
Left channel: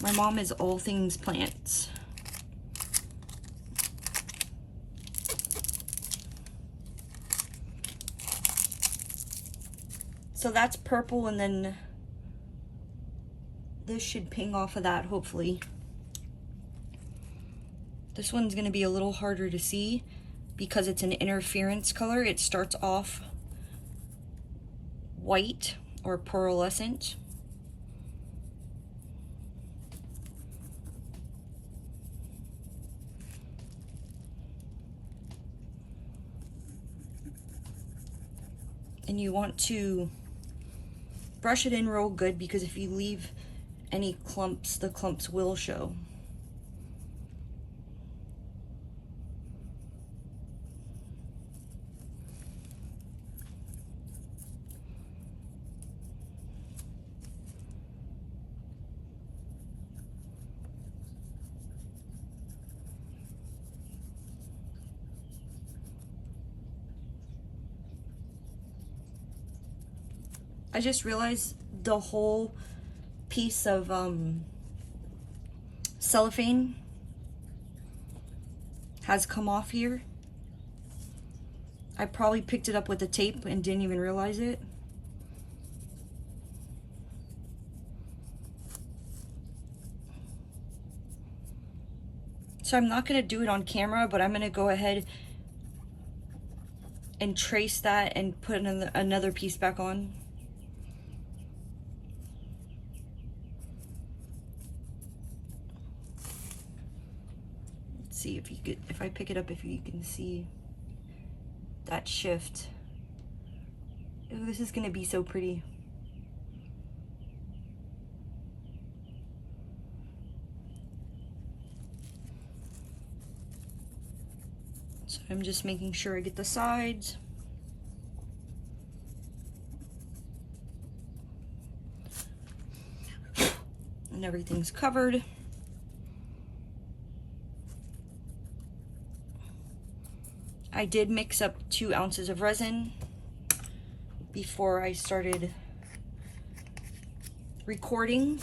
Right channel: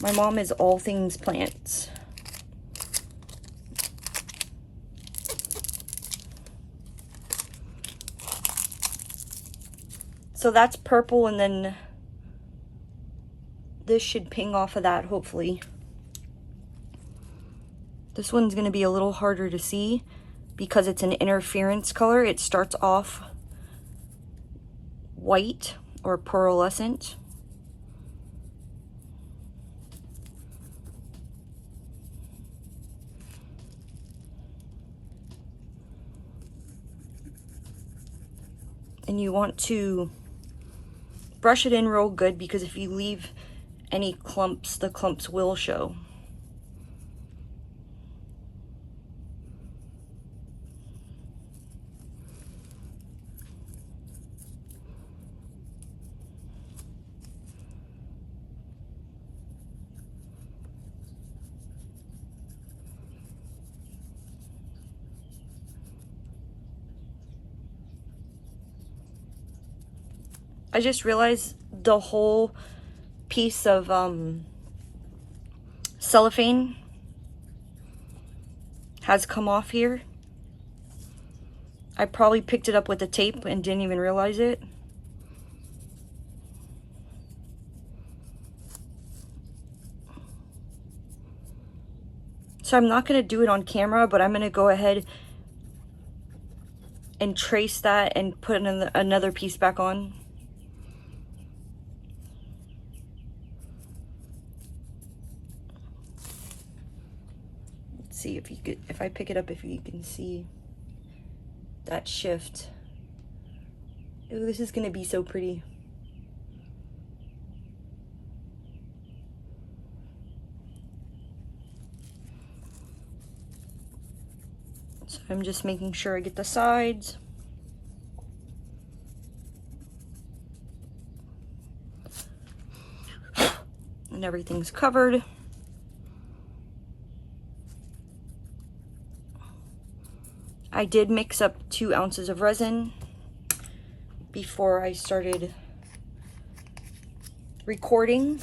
My mom is all things plants. So that's purple, and then this should ping off of that, hopefully. This one's going to be a little harder to see because it's an interference color. It starts off white or pearlescent. And you want to brush it in real good, because if you leave any clumps, the clumps will show. I just realized the whole piece of cellophane has come off here. I probably picked it up with the tape and didn't even realize it. So I'm not going to do it on camera, but I'm going to go ahead and trace that and put another piece back on. See if you could, if I pick it up, if you can see that shift. Ooh, this is gonna be so pretty. So I'm just making sure I get the sides. And everything's covered. I did mix up 2 ounces of resin before I started recording.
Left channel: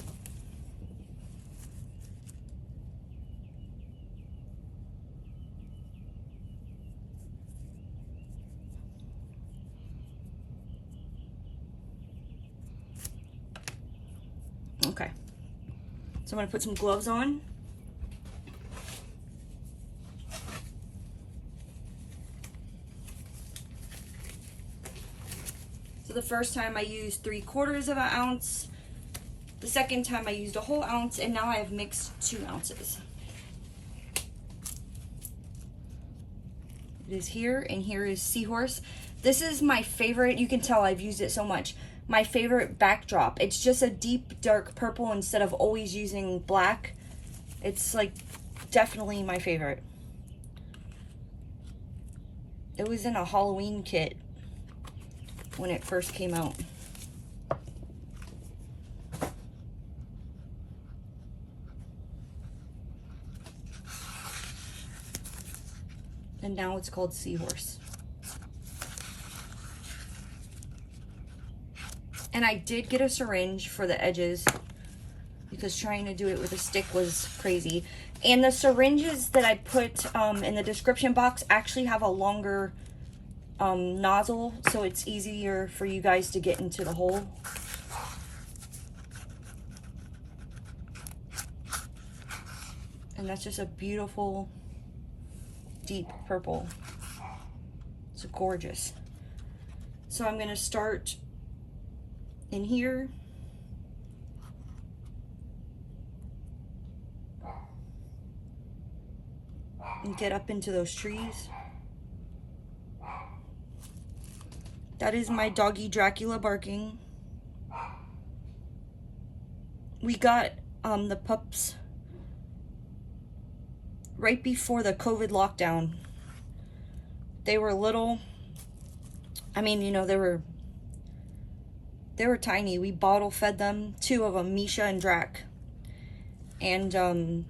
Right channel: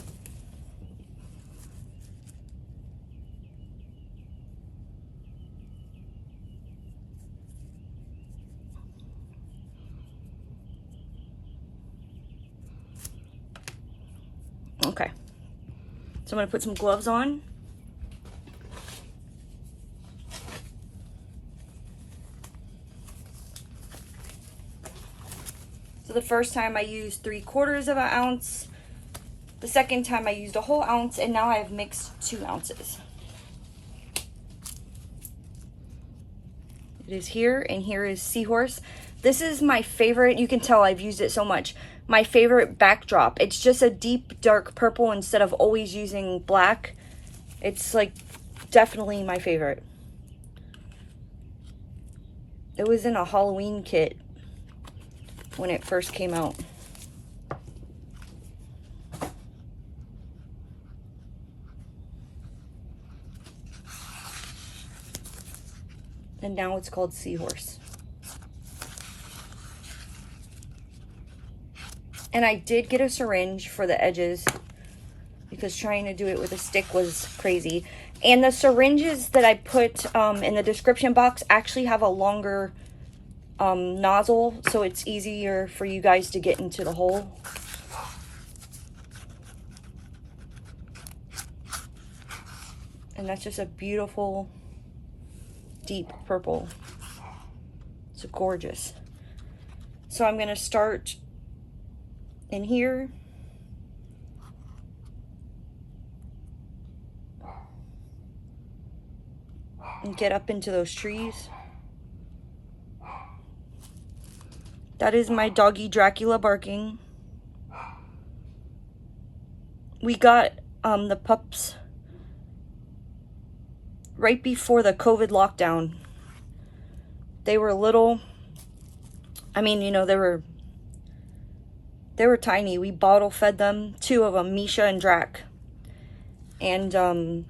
Okay, so I'm gonna put some gloves on. So the first time I used 3/4 of an ounce, the second time I used a whole ounce, and now I've mixed 2 ounces. It is here, and here is Seahorse. This is my favorite. You can tell I've used it so much. My favorite backdrop. It's just a deep dark purple instead of always using black. It's like definitely my favorite. It was in a Halloween kit when it first came out. And now it's called Seahorse. And I did get a syringe for the edges because trying to do it with a stick was crazy. And the syringes that I put in the description box actually have a longer nozzle, so it's easier for you guys to get into the hole. And that's just a beautiful deep purple. It's gorgeous. So I'm gonna start in here. And get up into those trees. That is my doggy Dracula barking. We got the pups right before the COVID lockdown. They were little. I mean, you know, they were tiny. We bottle fed them, 2 of them, Mica and Drac. And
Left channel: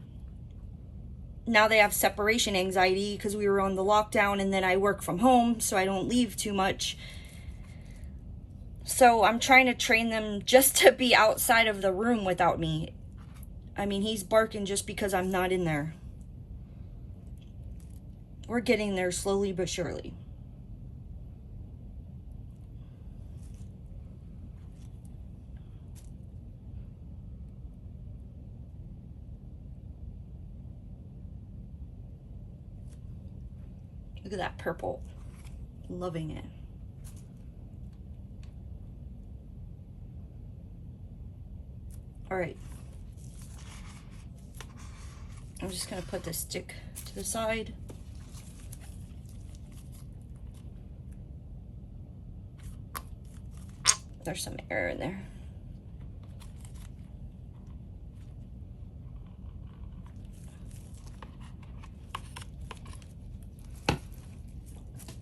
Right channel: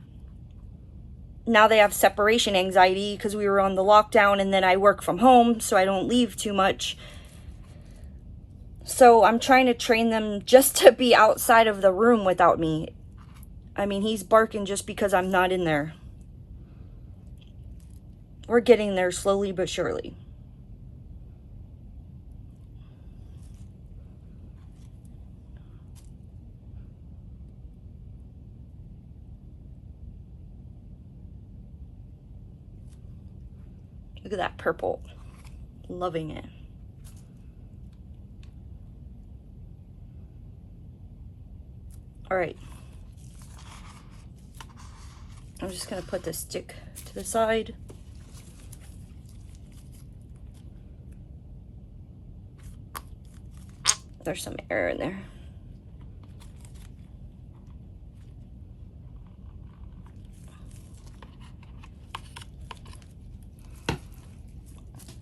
now they have separation anxiety because we were on the lockdown, and then I work from home, so I don't leave too much. So I'm trying to train them just to be outside of the room without me. I mean, he's barking just because I'm not in there. We're getting there slowly but surely. Look at that purple. Loving it. All right. I'm just gonna put this stick to the side. There's some air in there.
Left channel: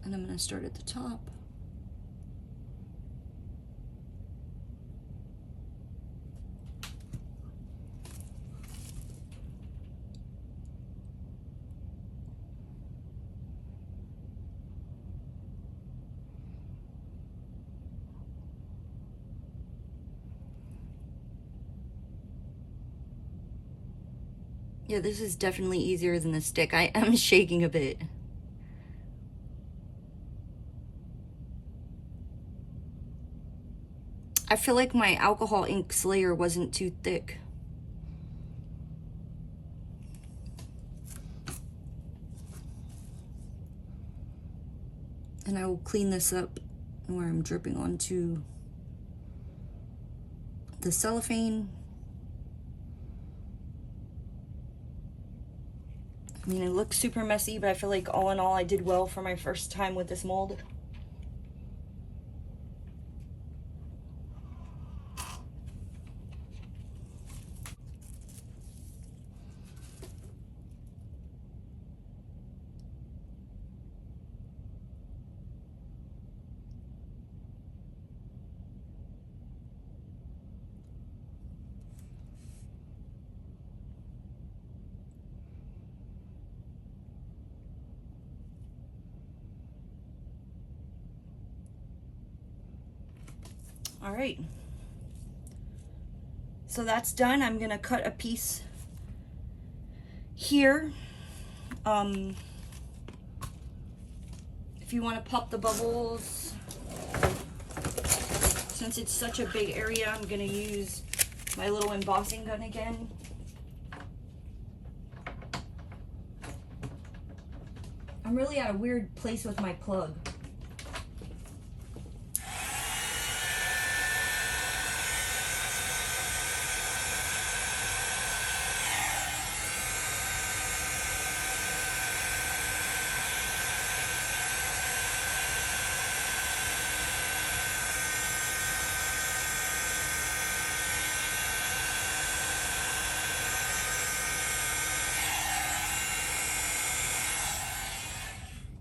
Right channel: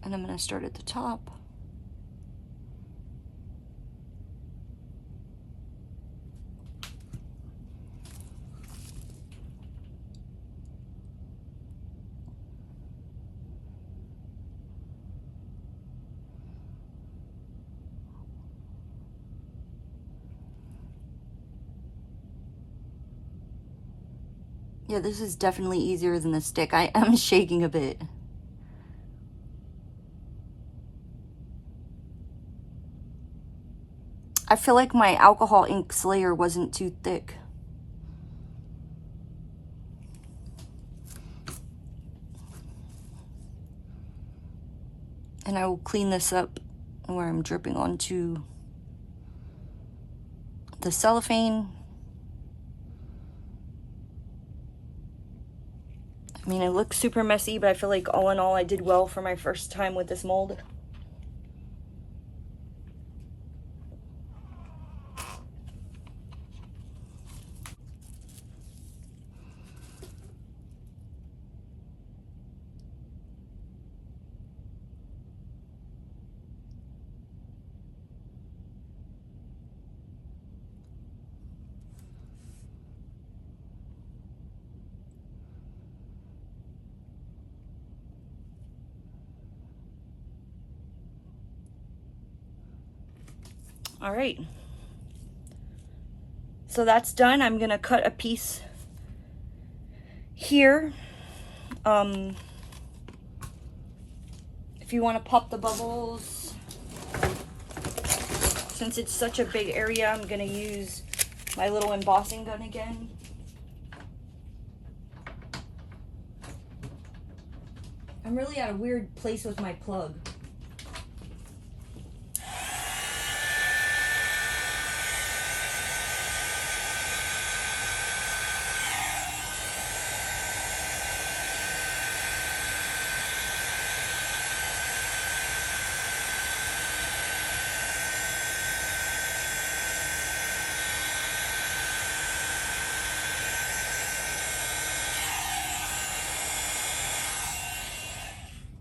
And I'm gonna start at the top. Yeah, this is definitely easier than the stick. I am shaking a bit. I feel like my alcohol ink slayer wasn't too thick. And I will clean this up where I'm dripping onto the cellophane. I mean, it looks super messy, but I feel like all in all, I did well for my first time with this mold. All right, so that's done. I'm gonna cut a piece here. If you want to pop the bubbles, since it's such a big area, I'm gonna use my little embossing gun again. I'm really at a weird place with my plug.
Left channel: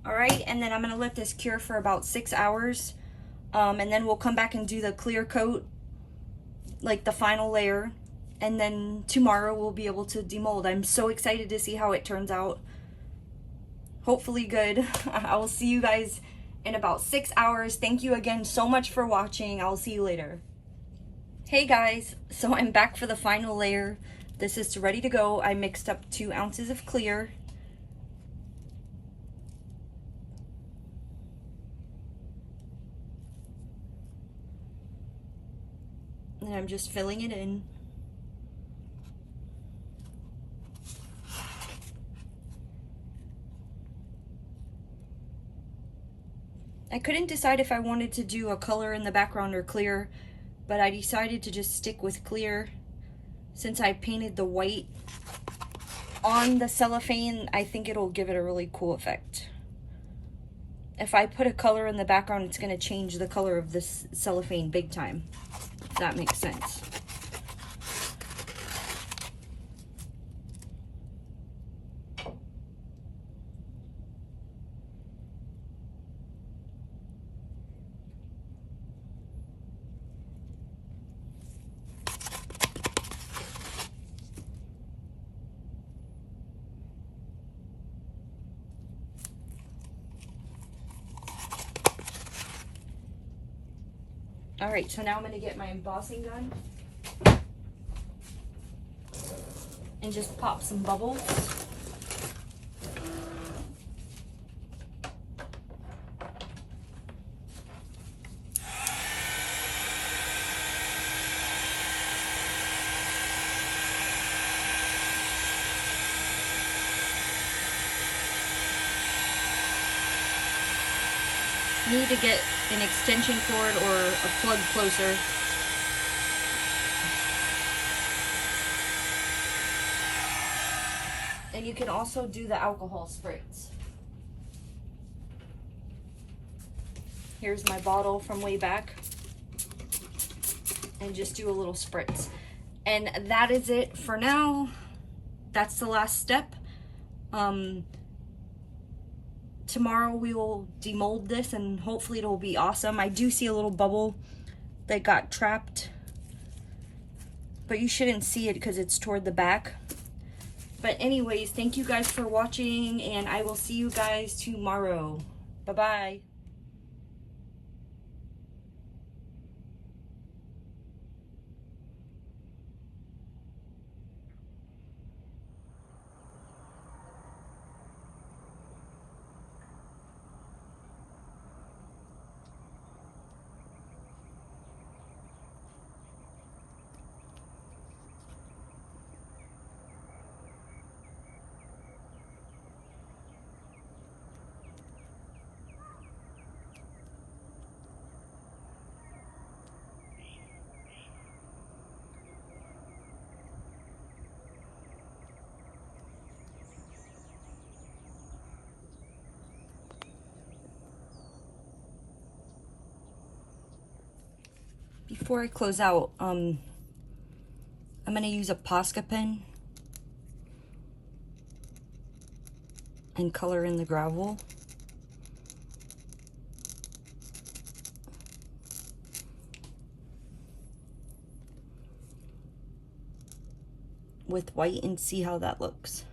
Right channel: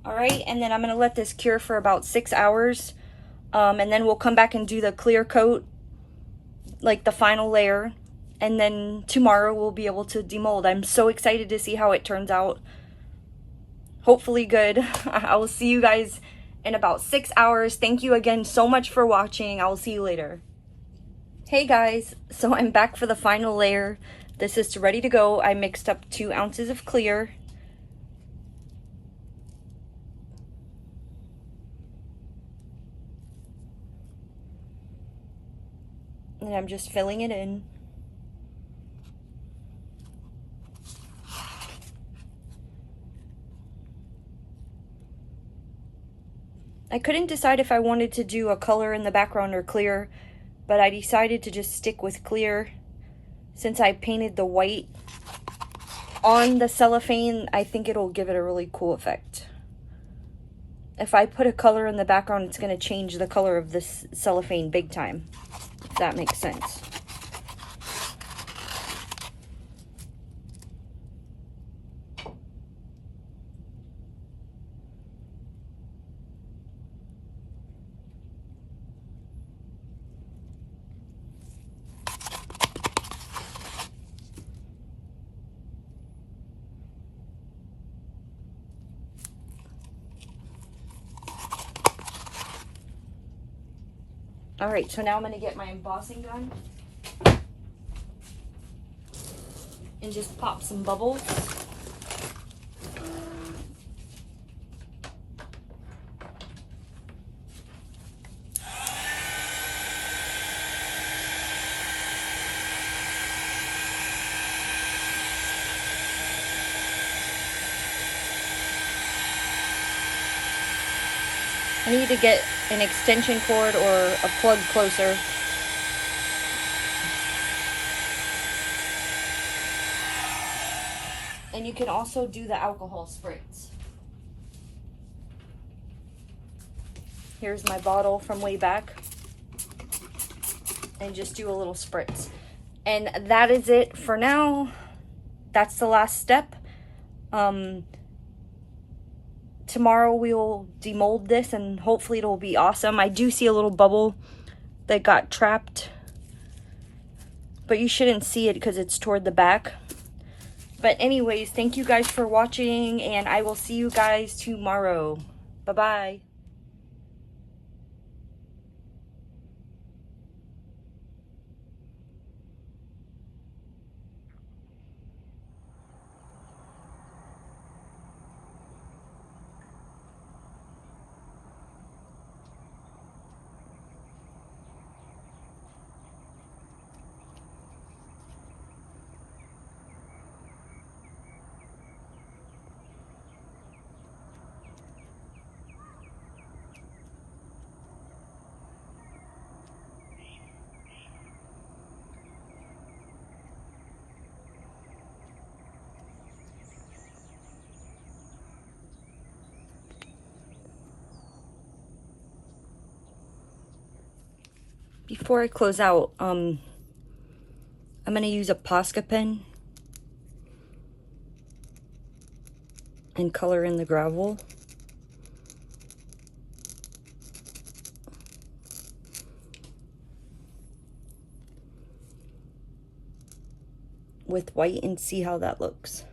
All right, and then I'm gonna let this cure for about 6 hours. And then we'll come back and do the clear coat, like the final layer. And then tomorrow we'll be able to demold. I'm so excited to see how it turns out. hopefully good. I will see you guys in about 6 hours. Thank you again so much for watching. I will see you later. Hey guys, so I'm back for the final layer. This is ready to go. I mixed up 2 ounces of clear. And I'm just filling it in. I couldn't decide if I wanted to do a color in the background or clear, but I decided to just stick with clear. Since I painted the white on the cellophane, I think it'll give it a really cool effect. If I put a color in the background, it's going to change the color of this cellophane big time, if that makes sense. All right, so now I'm going to get my embossing gun and just pop some bubbles. I need to get an extension cord or a plug closer. And you can also do the alcohol spritz. Here's my bottle from way back. And just do a little spritz. And that is it for now. That's the last step. Tomorrow we will demold this and hopefully it'll be awesome. I do see a little bubble that got trapped, but you shouldn't see it because it's toward the back. But anyways, thank you guys for watching and I will see you guys tomorrow. Bye-bye. Before I close out, I'm going to use a Posca pen and color in the gravel. With white and see how that looks.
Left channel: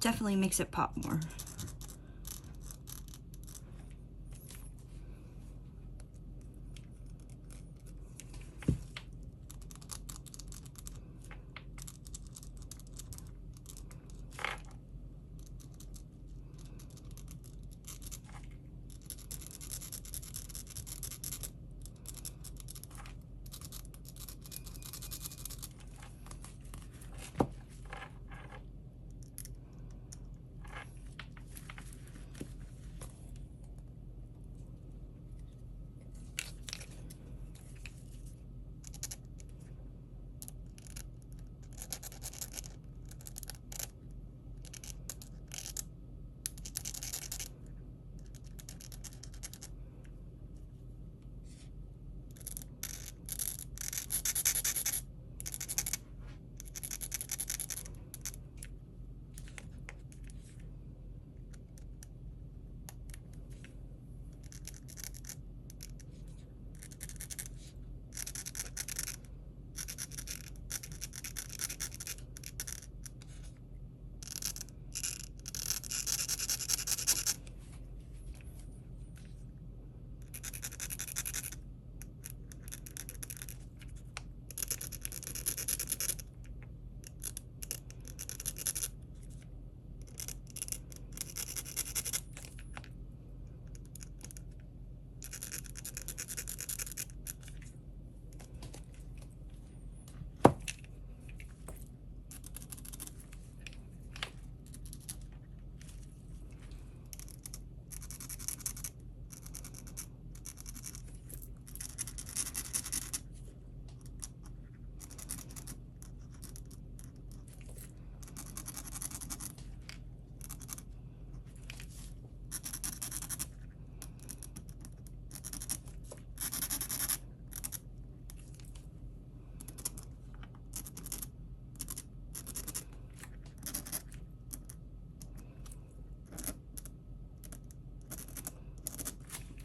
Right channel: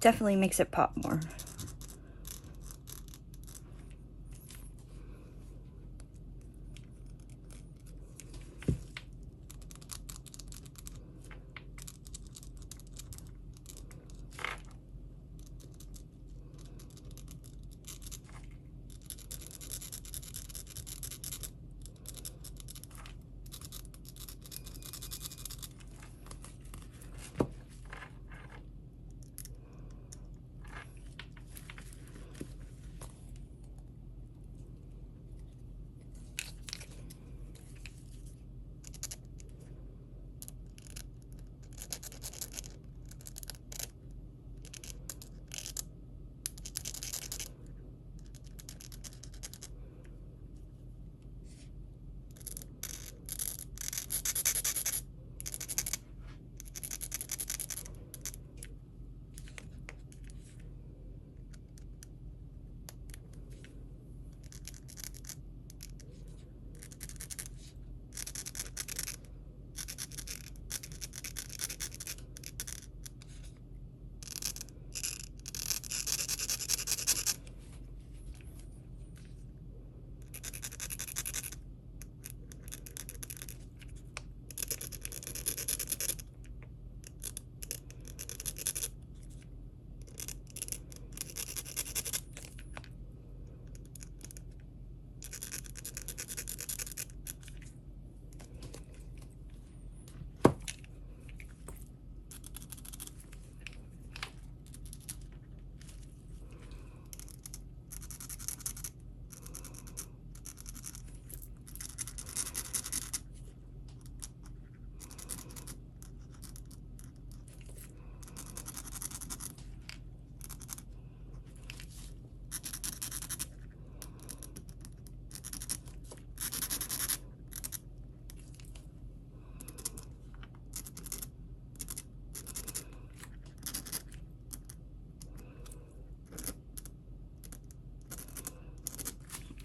Definitely makes it pop more.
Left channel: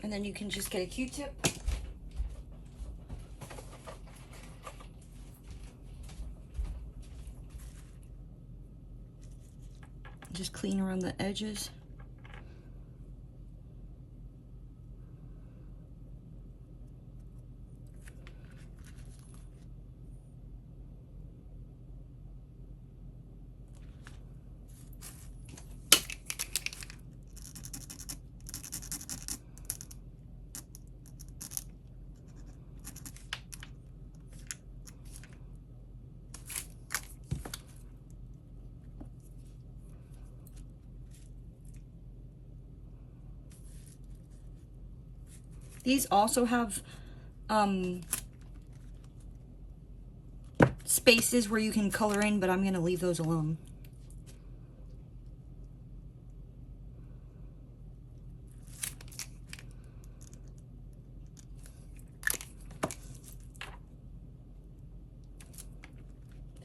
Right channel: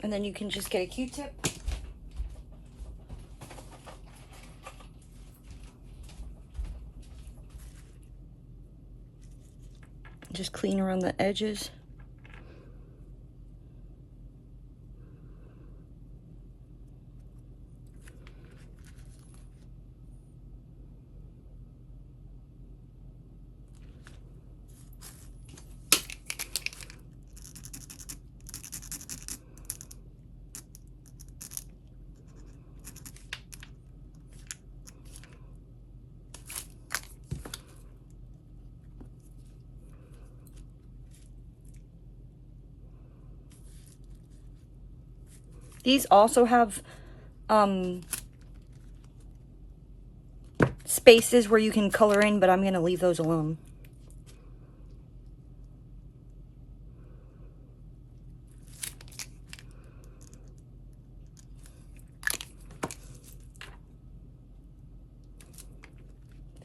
And then you can just get a Q-tip. Just clean around the edges. These also have spaces where you can color in, but I'm going to leave those alone.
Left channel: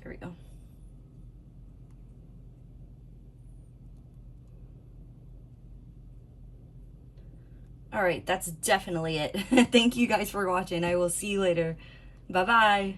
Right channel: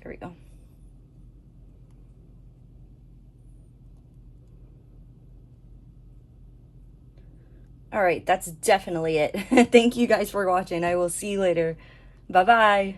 There we go. All right, that's definitely it. Thank you guys for watching. I will see you later. Bye-bye.